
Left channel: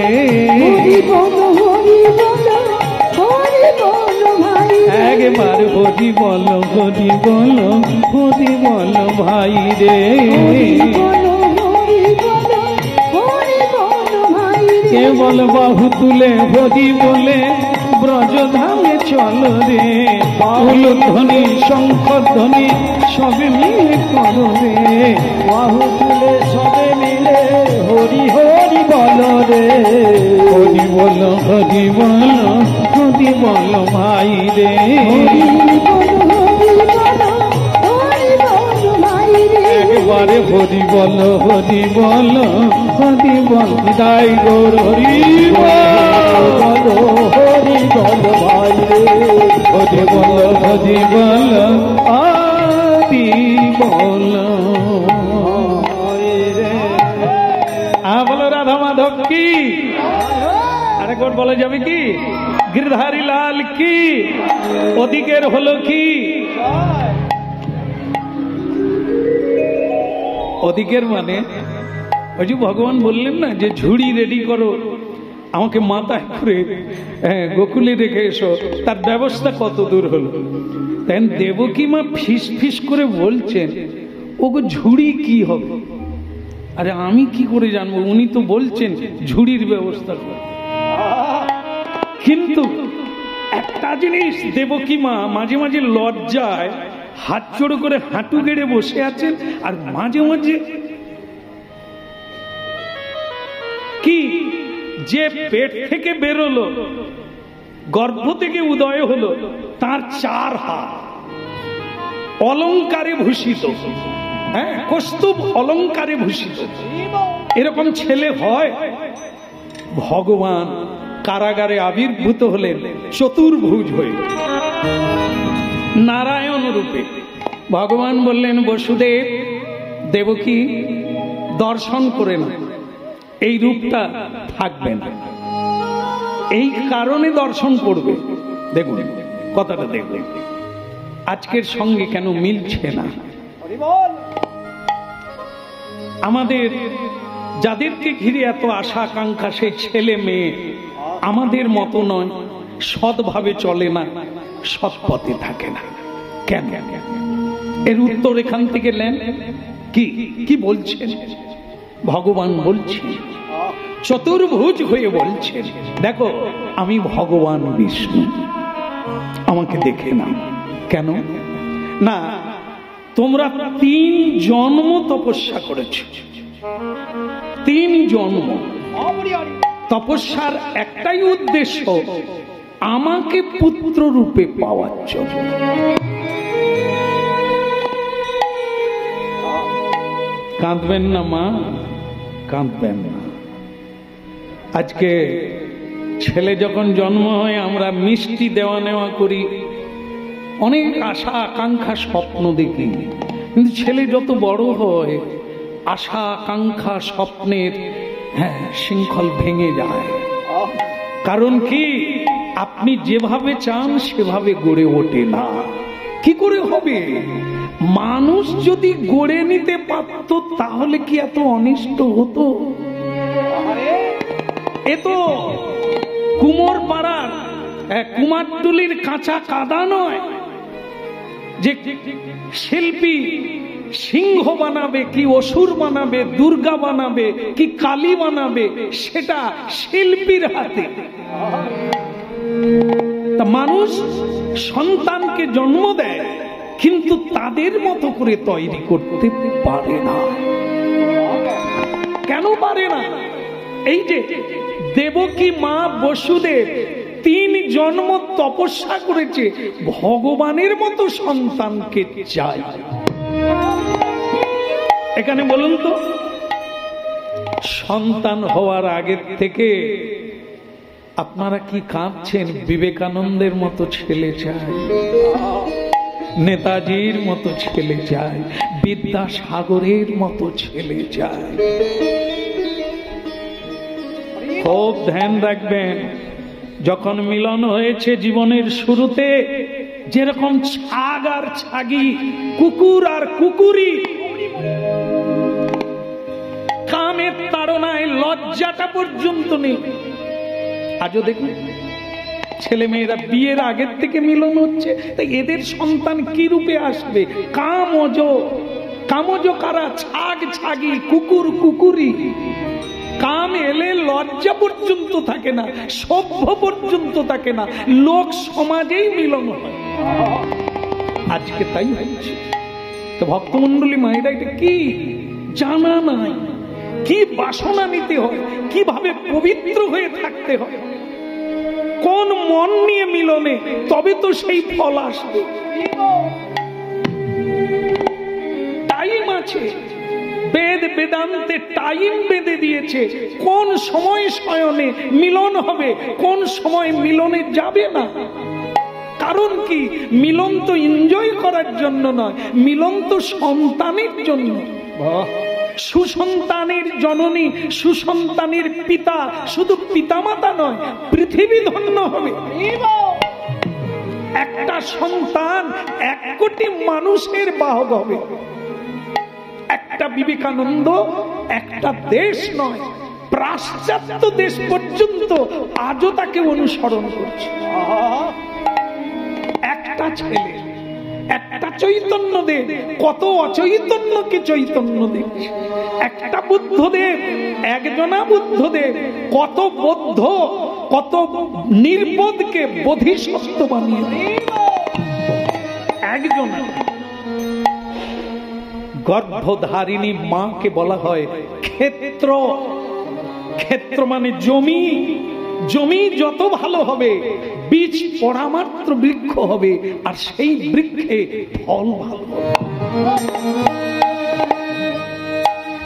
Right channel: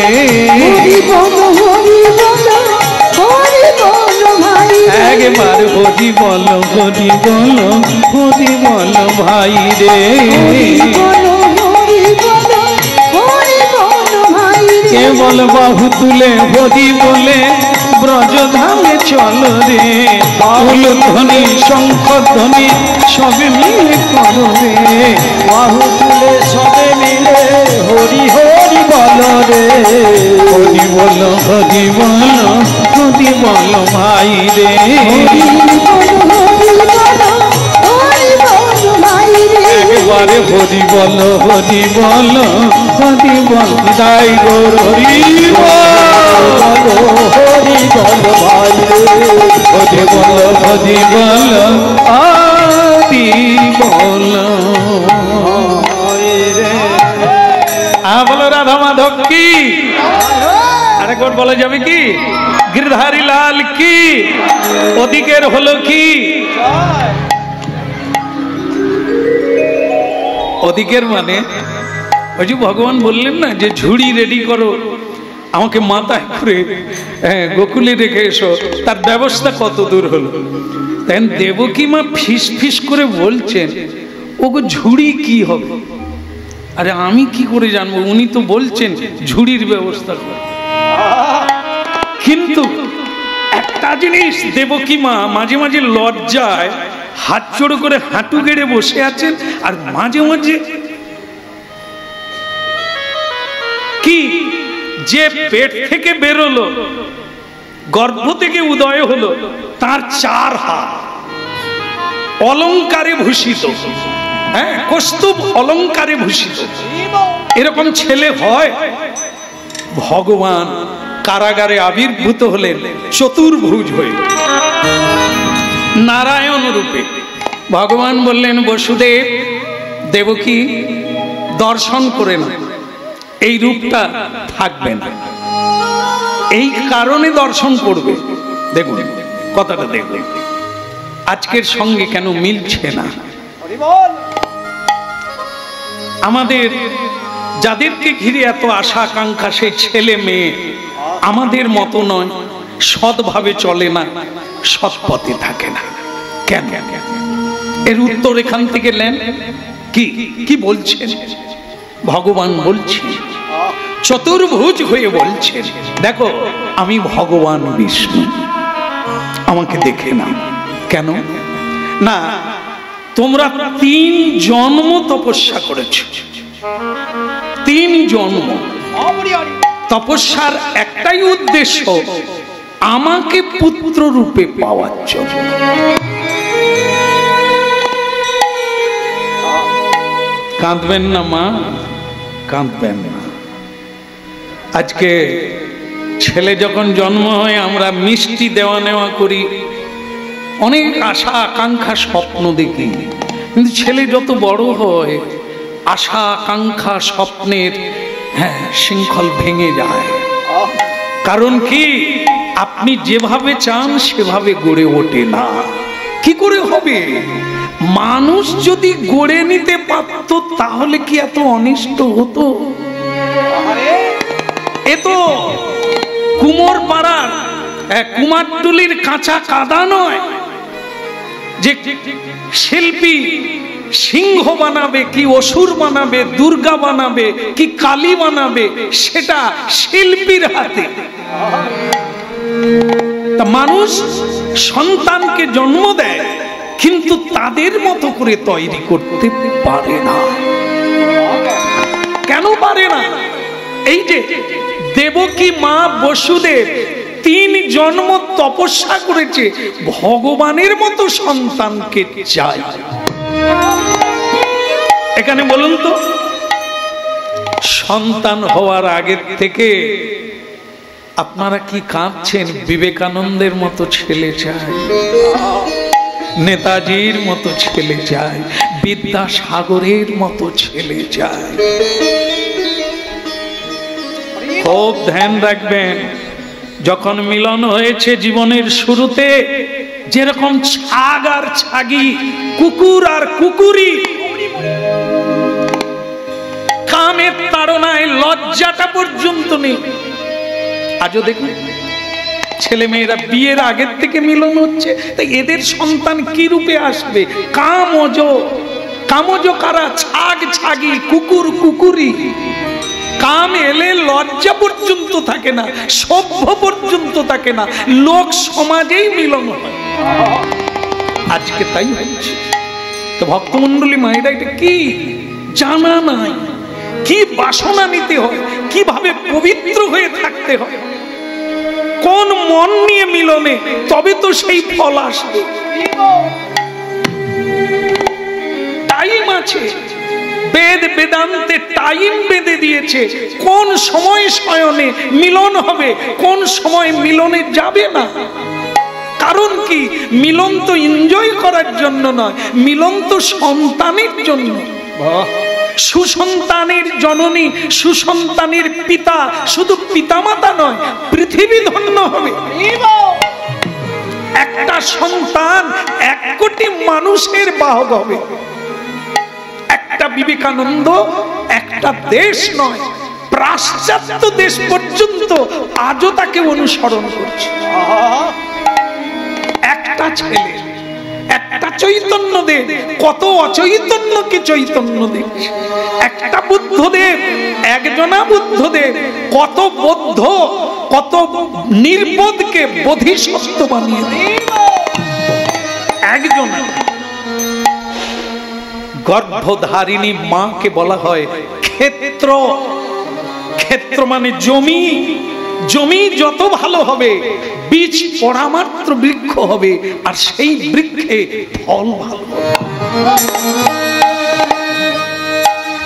হরি বল, হরি বল, হরি বল ভাই রে। একবার হরি বল, হরি বল, হরি বল ভাই রে, হরি বল, হরি বল, হরি বল ভাই রে। কেবল বাহু তুলে হরি বলে ব্রজধামে চল রে, ফুল ধ্বনি শঙ্খ ধ্বনি সবে মিলে করো রে, বাহু তুলে সবে মিলে হরি হরি বল রে, হরি বল, হরি বল, হরি বল ভাই রে, হরি বল, হরি বল, হরি বল ভাই রে। একবারে হরি বল, হরি বল, হরি বল দাই গোর হরি বল, হরি বল ভাই রে, হরি বল, হরি বল, হরি বল। বলো রাধা মাধব কি, আরেকবার বলা যাবে কি? গিরধারী লাল কি, ওদিকের হলো কি? ওদিকের মানে ওই যে ভগবান বললেন না যে ঝুড়ি রেডি করো, আমাকে মাথায় করে গোকুলে রেখে এসো, তার ব্যবস্থা কত দূর হলো। তাই দেবকী মা ফিস ফিস করে বলছেন, ওগো ঝুড়ি কি হবে? আরে আমি কি করে জানবো? উনি তো বলছেন ঝুড়ির ব্যবস্থা করে। কিন্তু একটা জিনিস, দেবকী মা মাঝে মাঝে লজ্জায় হাত জোড়ো করে হাঁটু গেড়ে বসে আছেন, আর মাঝে মাঝে কি যে পেট থেকে বেরোলো, গর্ভ থেকে উদয় হলো, তার 4 হাত অলংকারে ভূষিত, হ্যাঁ, কৌস্তুভ অলংকারে ভূষিত। এরকম ছেলে হয়? ভগবান কারাগারে আবির্ভূত হলেন চতুর্ভুজ হয়ে, নারায়ণ রূপে। ভগবান বললেন, বসুদেব, দেবকী দর্শন করে না, এই রূপটা থাকবে না, এই কারণে দর্শন করবে। দেখুন কথাটা, দেখুন আজকের সঙ্গে কেন মিলছে না। আমাদের যাদেরকে ঘিরে এত আশা আকাঙ্ক্ষা, সেই ছেলে মেয়ে আমাদের মতো নয়, সৎভাবে চলে না, সৎ পথে থাকে না কেন? এর উত্তর এখান থেকে নেন। কি কি বলছেন ভগবান? বলছেন চতুর্ভুজ হয়ে বলছেন, দেখো আমি ভগবান বিষ্ণু, আমাকে দেখে না। কেন না? তোমরা 3 জন্ম তপস্যা করেছো, 3 জন্ম। তপস্যার একটাই উদ্দেশ্য, আমাকে পুত্র রূপে পাওয়ার জন্য। কাঁদবেন না মা, কাঁদবেন না। আজকে ছেলে যখন জন্ম হয় আমরা মিষ্টি দেওয়া নেওয়া করি, অনেক আশা আকাঙ্ক্ষা স্বপ্ন দেখি, কিন্তু ছেলে যত বড় হয় আশা আকাঙ্ক্ষা স্বপ্নের শৃঙ্খল ভেঙে যায়। কারণ কি? আপনি যেভাবে চান সেভাবে গড়ে ওঠে না। কি করে হবে? মানুষ যদি গড়ে নিতে পারত তাহলে কি এত অনিষ্ট হতো? এ তো কুমোর পাড়ার কুমারটুলির কাঁচা কাদা নয় যে শিল্পী সিংহ বানাবে, কি অসুর বানাবে, দুর্গা বানাবে, কি কালী বানাবে, সেটা শিল্পীর হাতে। তা মানুষ সন্তানকে জন্ম দেয়, কিন্তু তাদের মতো করে তৈরি করতে পারে না। কেন পারে না? এই যে দেবকী মা বসুদেব 3 জন্ম তপস্যা করেছে, ভগবানের মতো সন্তানকে চায়। এখানে বলুন তো, সন্তান হওয়ার আগের থেকে আপনারা কি কাঁদছেন? বিবেকানন্দের মতো ছেলে চাই, নেতাজির মতো ছেলে চাই, বিদ্যাসাগরের মতো ছেলে চাই। খুব ধ্যান রাখবেন, যখন মিলন হয়েছে জীবনের শুরুতে, যেরকম ছাগ আর ছাগি, কুকুর আর কুকুরি, কামের তাড়নায় লজ্জাটা পর্যন্ত নেই। আজও দেখুন ছেলে মেয়েরা বিয়ের আগের থেকে মিলন হচ্ছে, তাই এদের সন্তান কি রূপে আসবে? কামজ, কামজ কারা? ছাগ ছাগি, কুকুর কুকুরি। কাম এলে লজ্জা পর্যন্ত থাকে না, সভ্য পর্যন্ত থাকে না, লোক সমাজেই মিলন হয়। আজকে তাই হচ্ছে। তো ভক্তমন্ডলী মায়েরা এটা কি জানা নাই, কি বাসনা নিতে হয়, কিভাবে পবিত্র হয়ে থাকতে হয়, কোন মন নিয়ে মিলনে, তবে তো সেই ফল আসবে। টাইম আছে, বেদ বেদান্তে টাইম বেঁধে দিয়েছে, কোন সময় শয়নে মিলন হবে, কোন সময় মিলনে যাবে না। কারণ কি? মিলন তো এনজয় করার জন্য নয়, মিলন তো সন্তানের জন্য। সুসন্তানের জননী, সুসন্তানের পিতা, শুধু পিতামাতা নয়, পৃথিবী ধন্য হবে। একটা সন্তান 1 কোটি মানুষের বাহক হবে। একটা বিবেকানন্দ একটা দেশ নয়, পাশ্চাত্য দেশ পর্যন্ত আজও তাকে অনুসরণ করছে। একটা ছেলে, একটা চৈতন্যদেব কত অচৈতন্যকে চৈতন্য দিচ্ছে। একটা বুদ্ধদেব, একজনা বুদ্ধদেব কত বৌদ্ধ কত নির্বোধকে বোধিসত্ত্ব বানিয়ে দেয়। একজন গর্ভধারিণী মাকে বলা হয় ক্ষেত্র। ক্ষেত্র মানে জমি। জমি যত ভালো হবে, বীজ পড়া মাত্র বৃক্ষ হবে, আর সেই বৃক্ষে ফল ভালো হবে।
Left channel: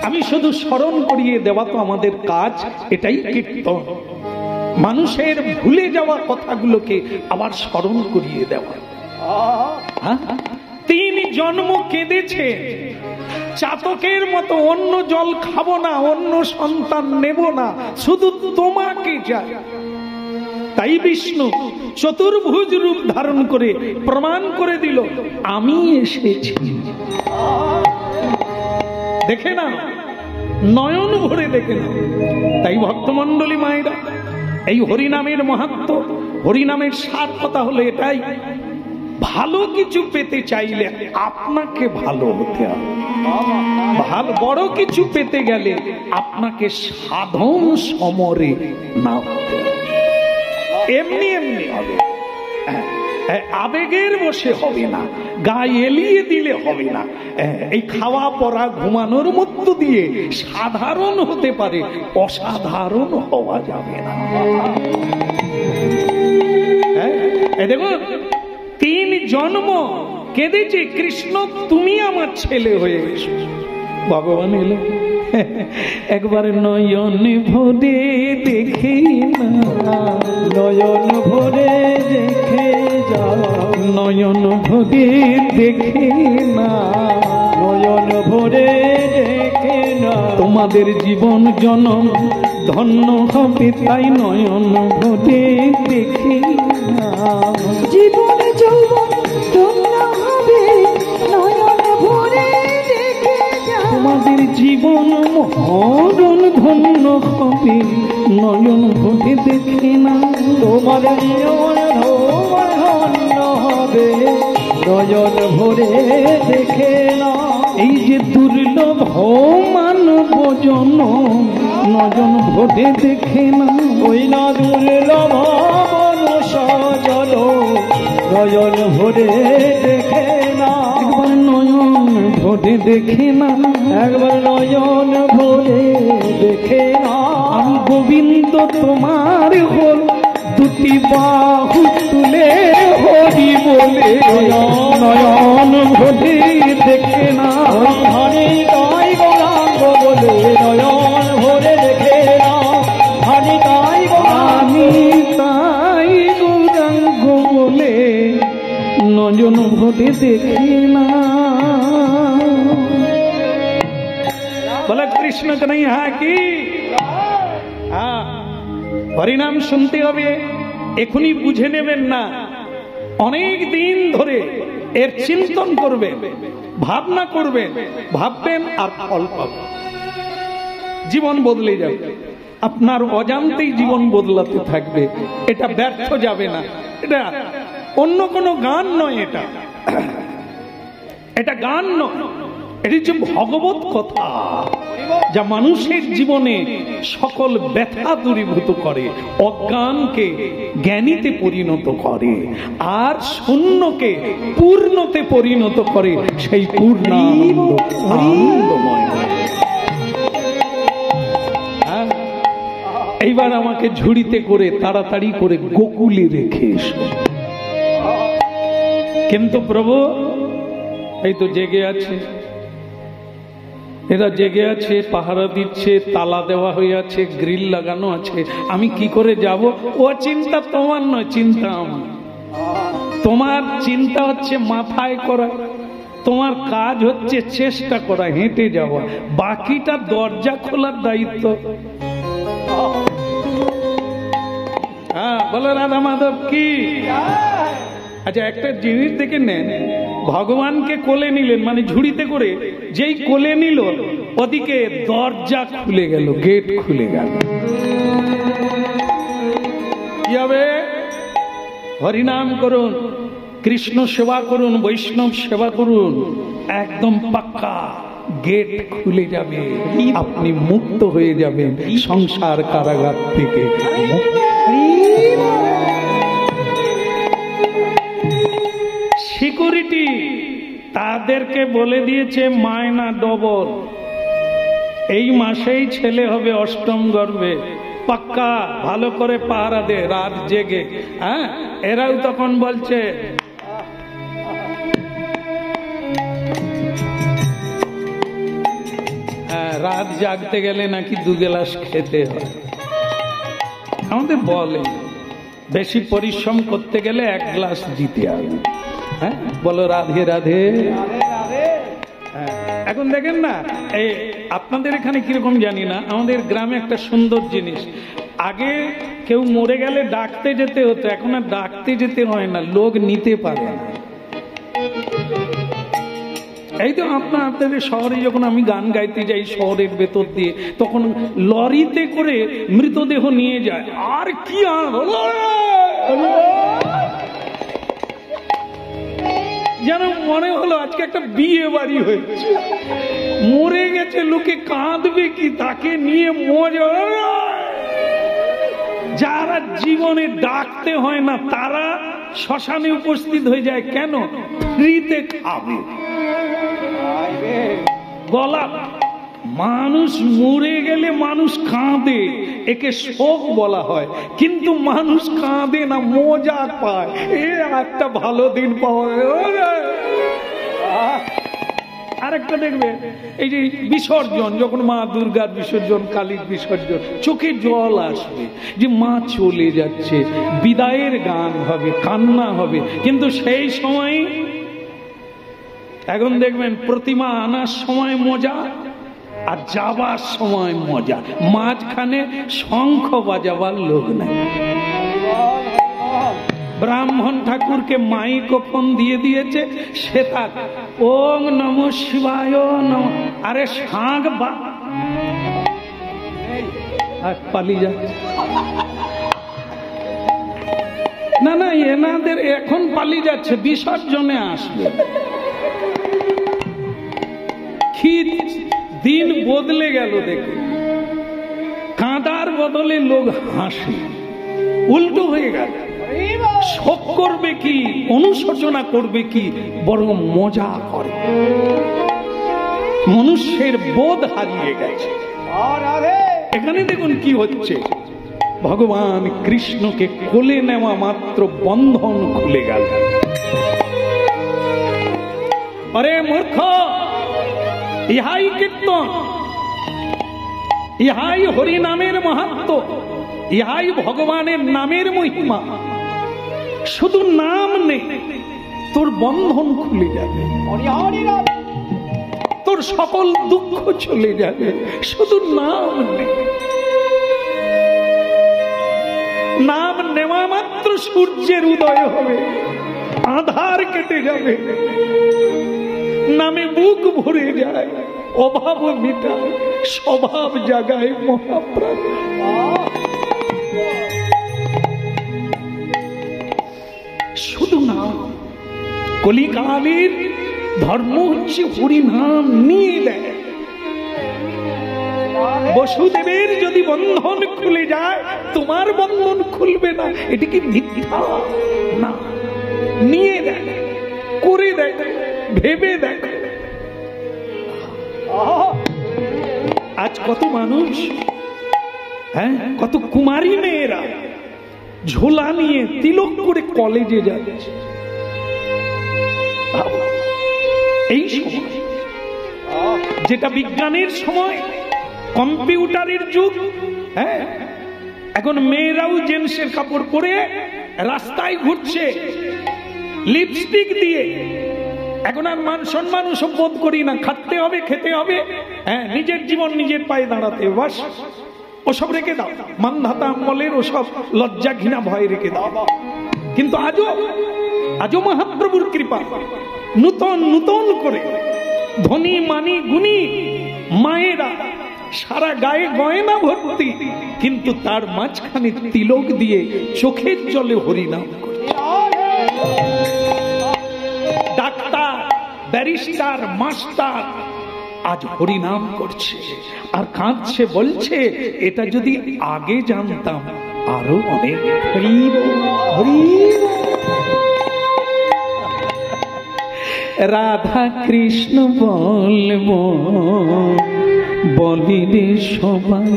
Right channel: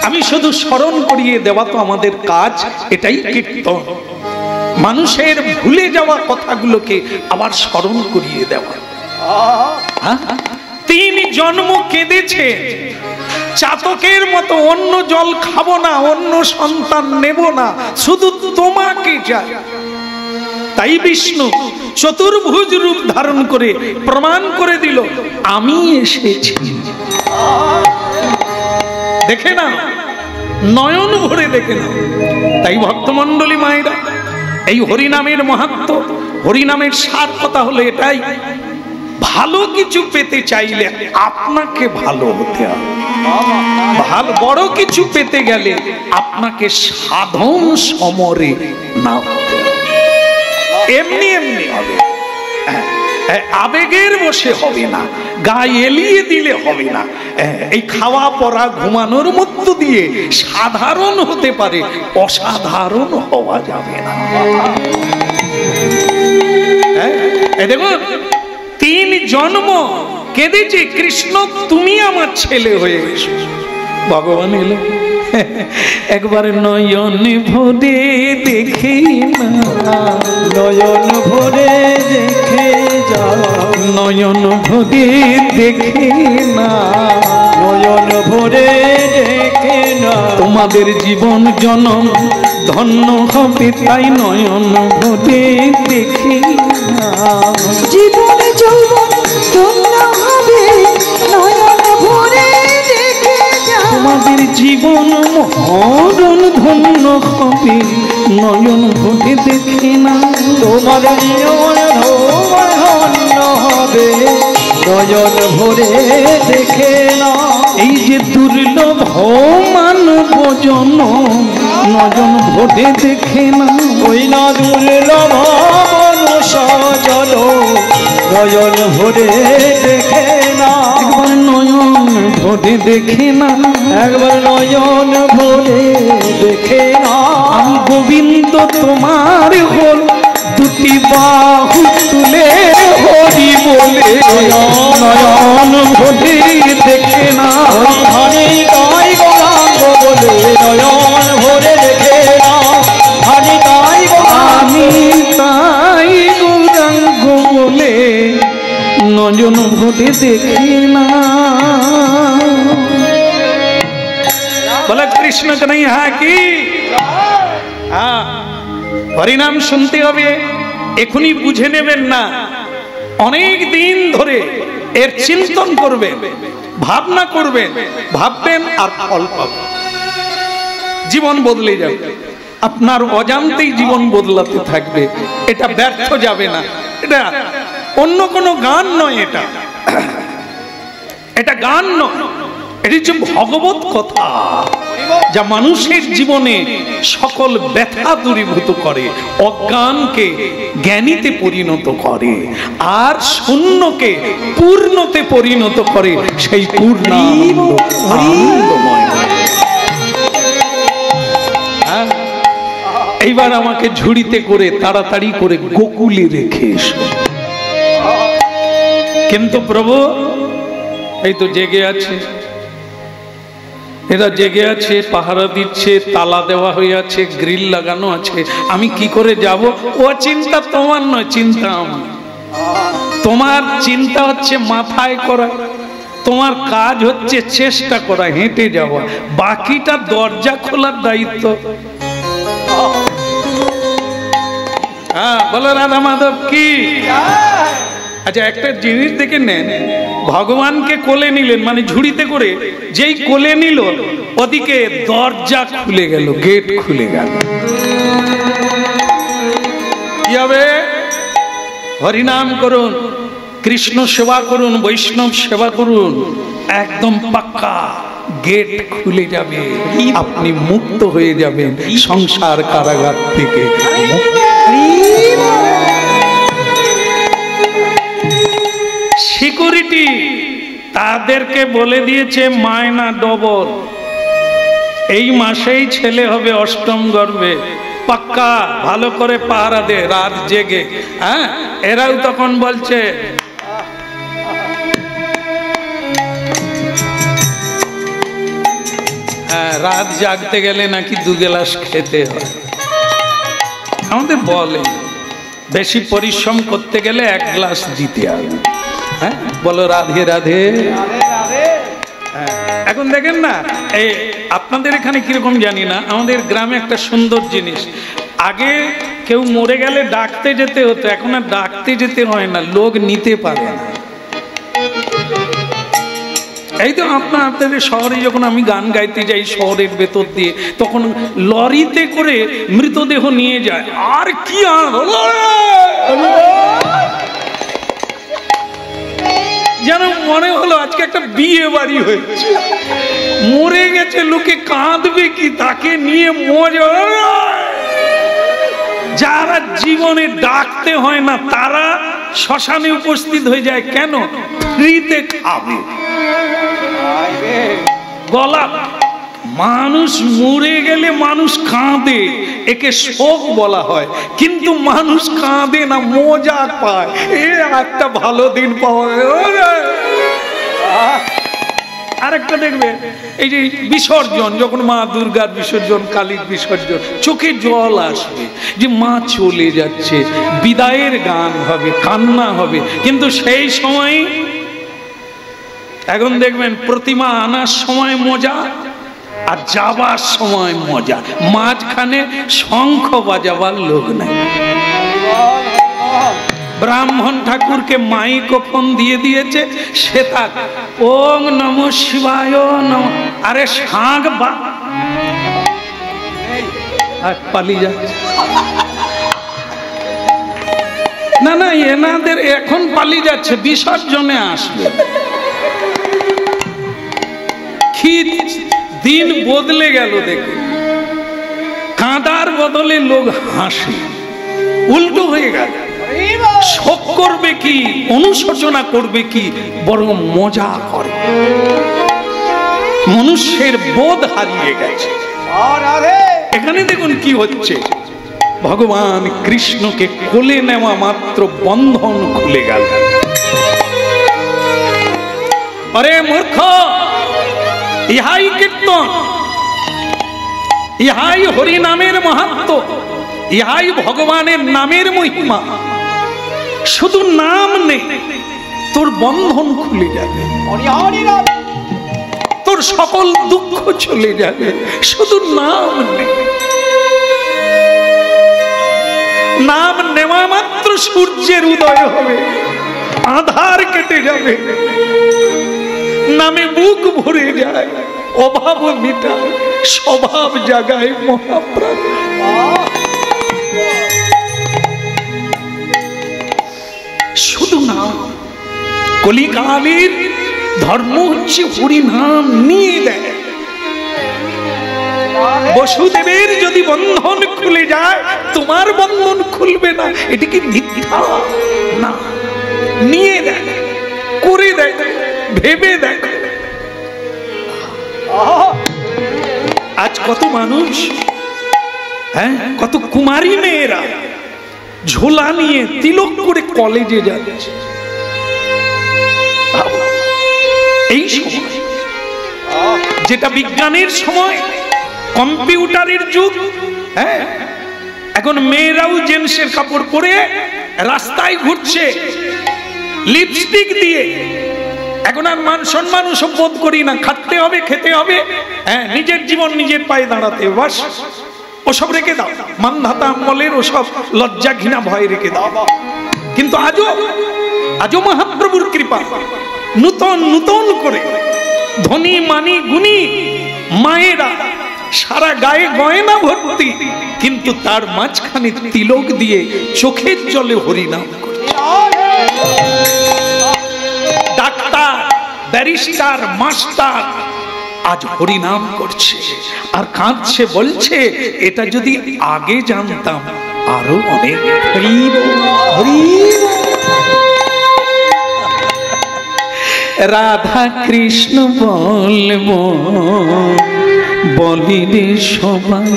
আমি শুধু স্মরণ করিয়ে দেওয়া তো আমাদের কাজ, এটাই কীর্তন। মানুষের ভুলে যাওয়া কথাগুলোকে আবার স্মরণ করিয়ে দেওয়া। 3 জন্ম কেঁদেছে, চাতকের মতো অন্য জল খাবো না, অন্য সন্তান নেব না, শুধু তোমাকে চাই। তাই বিষ্ণু চতুর্ভুজ রূপ ধারণ করে প্রমাণ করে দিল, আমি এসেছি। দেখে না, নয়ন ভরে দেখে না। তাই ভক্তমণ্ডলী মায়েরা, এই হরিনামের মাহাত্ম্য, হরিনামের সার কথা হলো এটাই, ভালো কিছু পেতে চাইলে আপনাকে ভালো হতে হবে। ভালো বড় কিছু পেতে গেলে আপনাকে সাধন সমরে না হতে হবে। এমনি এমনি হবে, আবেগের বসে হবে না, গায়ে এলিয়ে দিলে হবে না। এই খাওয়া পড়া ঘুমানোর মধ্য দিয়ে সাধারণ হতে পারে, অসাধারণ হওয়া যাবে না। দেখুন, 3 জন্ম কেঁদেছে, কৃষ্ণ তুমি আমার ছেলে হয়ে এসো। ভগবান এলো, একবার নয়ন ভরে দেখে না, নয়ন ভরে দেখে যাও, নয়ন ভরে দেখে না, নয়ন ভরে দেখে না, তোমাদের জীবন জনম ধন্য হবে, তাই নয়ন ভরে দেখে না। জীবন যৌবন ধন্য হবে, নয়ন ভরে দেখে যাও। তোমাদের জীবন মরণ ধন্য হবে, নয়ন ভরে দেখে না। তোমার জীবন ধন্য হবে, নয়ন ভরে দেখে না। এই যে দুর্লভ মানব জন্ম, নয়ন ভরে দেখে না। ওই না দুর্লভ মনুষ্য জনম, নয়ন ভরে দেখে না। একবার নয়ন ভরে দেখে না, একবার নয়ন ভরে দেখে না। আমি গোবিন্দ তোমার হল, 2 বাহু তুলে হরি বলে, নয়ন ভরে দেখে না। হানি তাই গৌরাঙ্গ বলে, নয়ন ভরে দেখে না। হানি তাই আমি তাই গৌরাঙ্গ বলে, নয়ন ভরে দেখে না। বলে কৃষ্ণ কানাইয়া কি? হরিনাম শুনতে হবে, এখনই বুঝে নেবেন না, অনেক দিন ধরে এর চিন্তন করবেন, ভাবনা করবেন, ভাববেন আর ফল পাবেন, জীবন বদলে যাবে। আপনার অজান্তেই জীবন বদলাতে থাকবে, এটা ব্যর্থ যাবে না। এটা অন্য কোনো গান নয়, এটা গান নয়, এটি হচ্ছে ভগবত কথা, যা মানুষের জীবনে সকল ব্যথা দূরীভূত করে, অজ্ঞানকে জ্ঞানীতে পরিণত করে, আর শূন্যকে পূর্ণতে পরিণত করে, সেই পূর্ণানন্দময়। এইবার আমাকে ঝুড়িতে করে তাড়াতাড়ি করে গোকুলে রেখে এসো। কিন্তু প্রভু, এই তো জেগে আছে, এরা জেগে আছে, পাহারা দিচ্ছে, তালা দেওয়া হয়ে আছে, গ্রিল লাগানো আছে, আমি কি করে যাব? ও চিন্তা তোমার নয়, চিন্তা আমার। তোমার চিন্তা হচ্ছে মাথায় করা, তোমার কাজ হচ্ছে চেষ্টা করা, হেঁটে যাওয়া, বাকিটা দরজা খোলার দায়িত্ব। হ্যাঁ, বলো রাধা মাধব কি? আচ্ছা, একটা জিনিস দেখে নেন, ভগবানকে কোলে নিলেন, মানে ঝুড়িতে করে, যেই কোলে নিল, ওদিকে দরজা খুলে গেল, গেট খুলে গেল। কি হবে? হরিনাম করুন, কৃষ্ণ সেবা করুন, বৈষ্ণব সেবা করুন, একদম পাক্কা গেট খুলে যাবে, আপনি মুক্ত হয়ে যাবেন সংসার কারাগার থেকে। বিটি তাদেরকে বলে দিয়েছে মায়না ডবল, এই মাসেই ছেলে হবে অষ্টম গর্ভে, পাক্কা ভালো করে পাহারা দে রাত জেগে। হ্যাঁ, এরাও তখন বলছে রাত জাগতে গেলে নাকি 2 গ্লাস খেতে হয়। আমাদের বলে বেশি পরিশ্রম করতে গেলে 1 গ্লাস দিতে হবে। হ্যাঁ, বলো রাধে রাধে। এখন দেখেন না, এই আপনাদের এখানে কিরকম জানি না, আমাদের গ্রামে একটা সুন্দর জিনিস, আগে কেউ মরে গেলে ডাকতে যেতে হতো, এখন আর ডাকতে যেতে হয় না, লোক নিতে পারে না। এই তো আপনাদের শহরে যখন আমি গান গাইতে যাই শহরের ভেতর দিয়ে, তখন লরিতে করে মৃতদেহ নিয়ে যায়, আর কি যেন মনে হলো আজকে একটা বিয়ে বাড়ি হয়েছে। মরে গেছে লোকে, কাঁদবে কি, তাকে নিয়ে মজা। যারা জীবনে ডাকতে হয় না তারা শ্মশানে উপস্থিত হয়ে যায়, কেন? ফ্রিতে খাবে। গলা মানুষ মরে গেলে মানুষ কাঁদে, একে শোক বলা হয়, কিন্তু মানুষ কাঁদে না, মজা পায়। এ একটা ভালো দিন পাওয়া গেল। আরেকটা দেখবে, এই যে বিসর্জন, যখন মা দুর্গার বিসর্জন, কালীর বিসর্জন, চোখে জল আসবে যে মা চলে যাচ্ছে, বিদায়ের গান হবে, কান্না হবে। কিন্তু সেই সময় এখন দেখবেন প্রতিমা আনার সময় মজা আর যাবার সময় মজা, মাঝখানে শঙ্খ বাজাবার লোক নাই। ব্রাহ্মণ ঠাকুরকে মাইক্রোফোন দিয়ে দিয়েছে, সে তার ওং নমঃ শিবায় নমঃ, আরে শাঁখ বা পালিয়ে যাচ্ছে। না না, এনাদের এখন পালিয়ে যাচ্ছে, বিসর্জনে আসবে। কি দিন বদলে গেল দেখুন, কাঁদার বদলে লোক হাসে, উল্টো হয়ে গেল। শোক করবে কি, অনুশোচনা করবে কি, বরং মজা করে। মনুষ্যের বোধ হারিয়ে গেছে। এখানে দেখুন কি হচ্ছে, ভগবান কৃষ্ণকে কোলে নেওয়া মাত্র বন্ধন খুলে গেল। আরে মূর্খ, ইহাই কীর্তন, ইহাই হরি নামের মাহাত্ম্য, ইহাই ভগবানের নামের মহিমা। শুধু নাম নেই, তোর বন্ধন খুলে যাবে, তোর সকল দুঃখ চলে যাবে। শুধু নাম নেই, নাম নেওয়া মাত্র সূর্যের উদয় হবে, আধার কেটে যাবে, নামে বুক ভরে যায়, অভাব মিটায়, স্বভাব জাগায় মহাপ্রাণ। শুধু নাম, কলিকালের ধর্ম হচ্ছে হরি নাম নিয়ে দেয়। বসুদেবের যদি বন্ধন খুলে যায়, তোমার বন্ধন খুলবে না, এটি কি মিথ্যা? না, নিয়ে দেয়, করে দেয়, ভেবে দেয়। আজ কত মানুষ, হ্যাঁ, কত কুমারী মেয়েরা ঝোলা নিয়ে তিলক করে কলেজে যাচ্ছে। এই সময় যেটা বিজ্ঞানের সময়, কম্পিউটারের যুগ, হ্যাঁ, এখন মেয়েরাও জেন্টসের কাপড় পরে রাস্তায় ঘুরছে লিপস্টিক দিয়ে। এখন আর মান সম্মান ওসব বোধ করি না, খাটতে হবে, খেতে হবে, হ্যাঁ, নিজের জীবন নিজের পায়ে দাঁড়াতে, বাস ওসব রেখে দাও, মানধাতা আমলের ওসব লজ্জা ঘৃণা ভয় রেখে দাও। কিন্তু আজও মহাপ্রভুর কৃপা, নূতন নূতন করে ধনী মানি গুণী মায়েরা সারা গায়ে গয়না ভর্তি, কিন্তু তার মাঝখানে তিলক দিয়ে চোখের জলে হরিনাম করছে। ডাক্তার, ব্যারিস্টার, মাস্টার আজ হরিনাম করছে আর কাঁদছে, বলছে এটা যদি আগে জানতাম আরো অনেক। রাধা কৃষ্ণ বলবো বলি রে সবাই,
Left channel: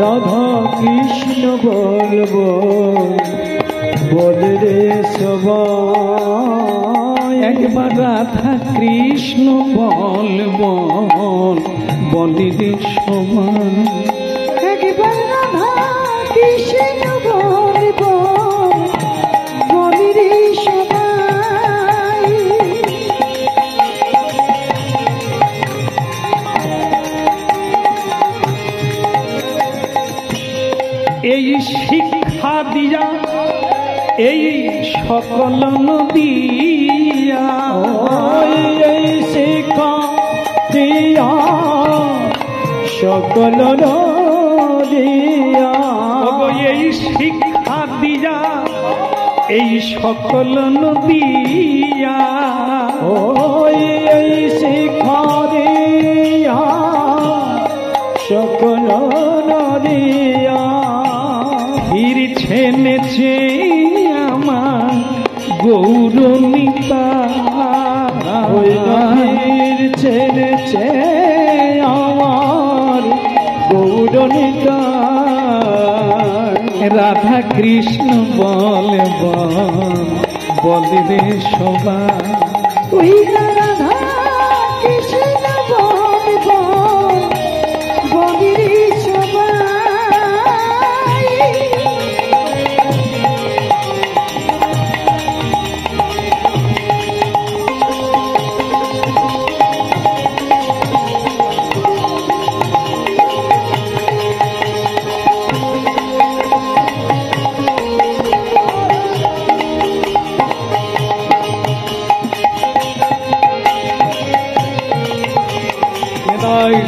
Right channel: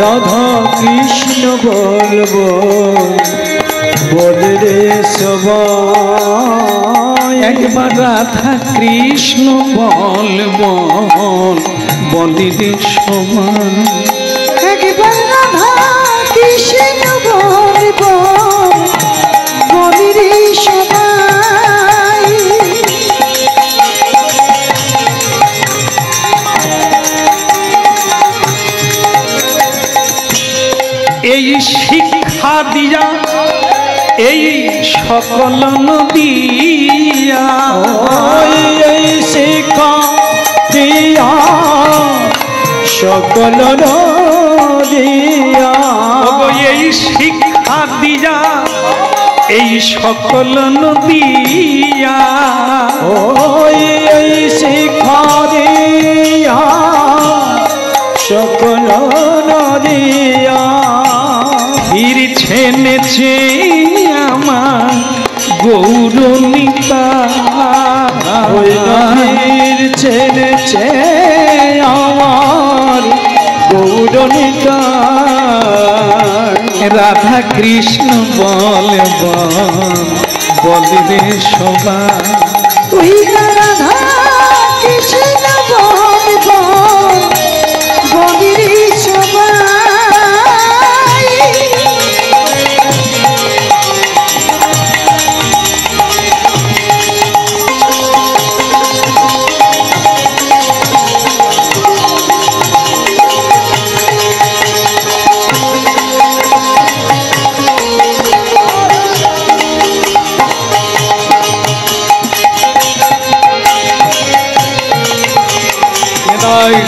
রাধা কৃষ্ণ বলবো বলে রে সবাই, একবার রাধা কৃষ্ণ বলবো বলি রে সবাই, একবার রাধা কৃষ্ণ বলবো বলি রে সবাই। এই শিক্ষা দিয়া এই সকল নদিয়া, এই শিক্ষা দিয়া সকল দিয়া, ওগো এই শিক্ষা দিয়া এই সকল নদিয়া, এই শিক্ষা দিয়া সকল নদিয়া, ফিরছেন যে আমার গৌরনিতা, ওই নদীর ছেড়েছে আমার গৌরনিতা, রাধা কৃষ্ণ বলব বলি রে সবাই, তুই রাধা কৃষ্ণ বলবো বলি রে সবাই।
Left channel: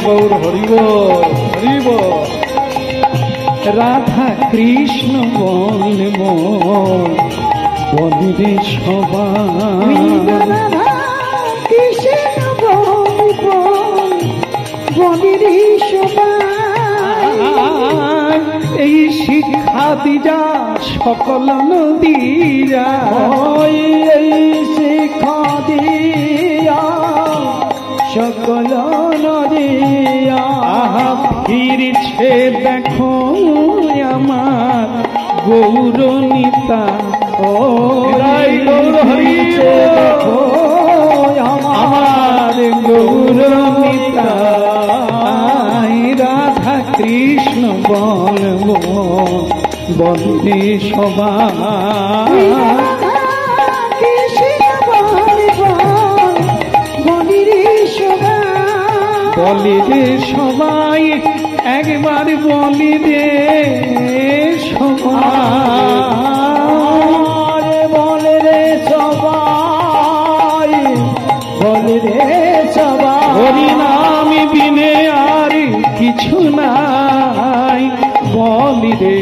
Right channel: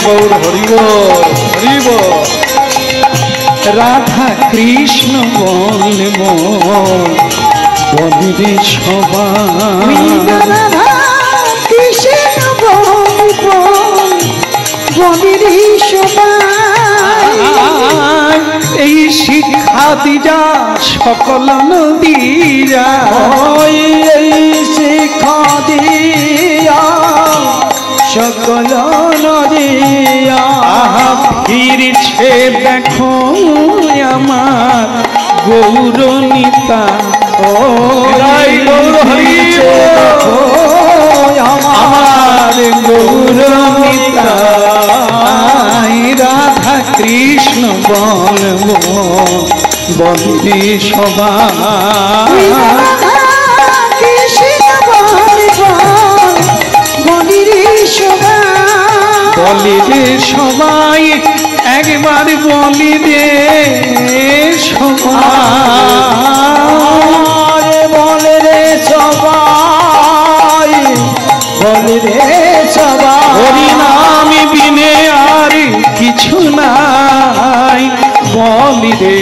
গৌর হরিব হরিব, রাধা কৃষ্ণ বলব বলি রে সবাই, রাধা কৃষ্ণ বলবো বলি রে সবাই। এই শিক্ষা দিয়া সকল নদীরা, এই শিক্ষা দিয়া সকল নদিয়া, ফিরছে দেখো আমার গৌরনিতা, গৌর হরিছে দেখো আমার গৌরনিতা, রাধা কৃষ্ণ বলবো বলি রে সবাই, রাধা কৃষ্ণ বলবো বলি রে সবাই। বলি রে সবাই, একবার বলি রে সবাই, বলে রে সবাই, বলে রে সবাই, হরি নাম বিনে আর কিছু নাই, বলি রে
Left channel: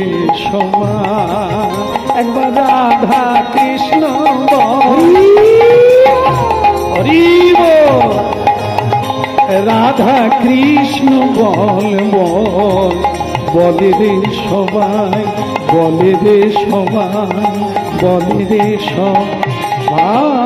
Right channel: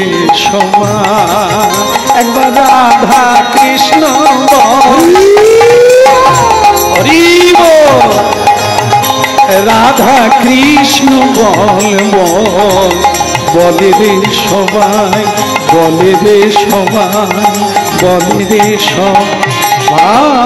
সবাই, একবার রাধা কৃষ্ণ হরিব, রাধা কৃষ্ণ বলব বলি রে সবাই, বলি রে সবাই, বলি রে সবাই।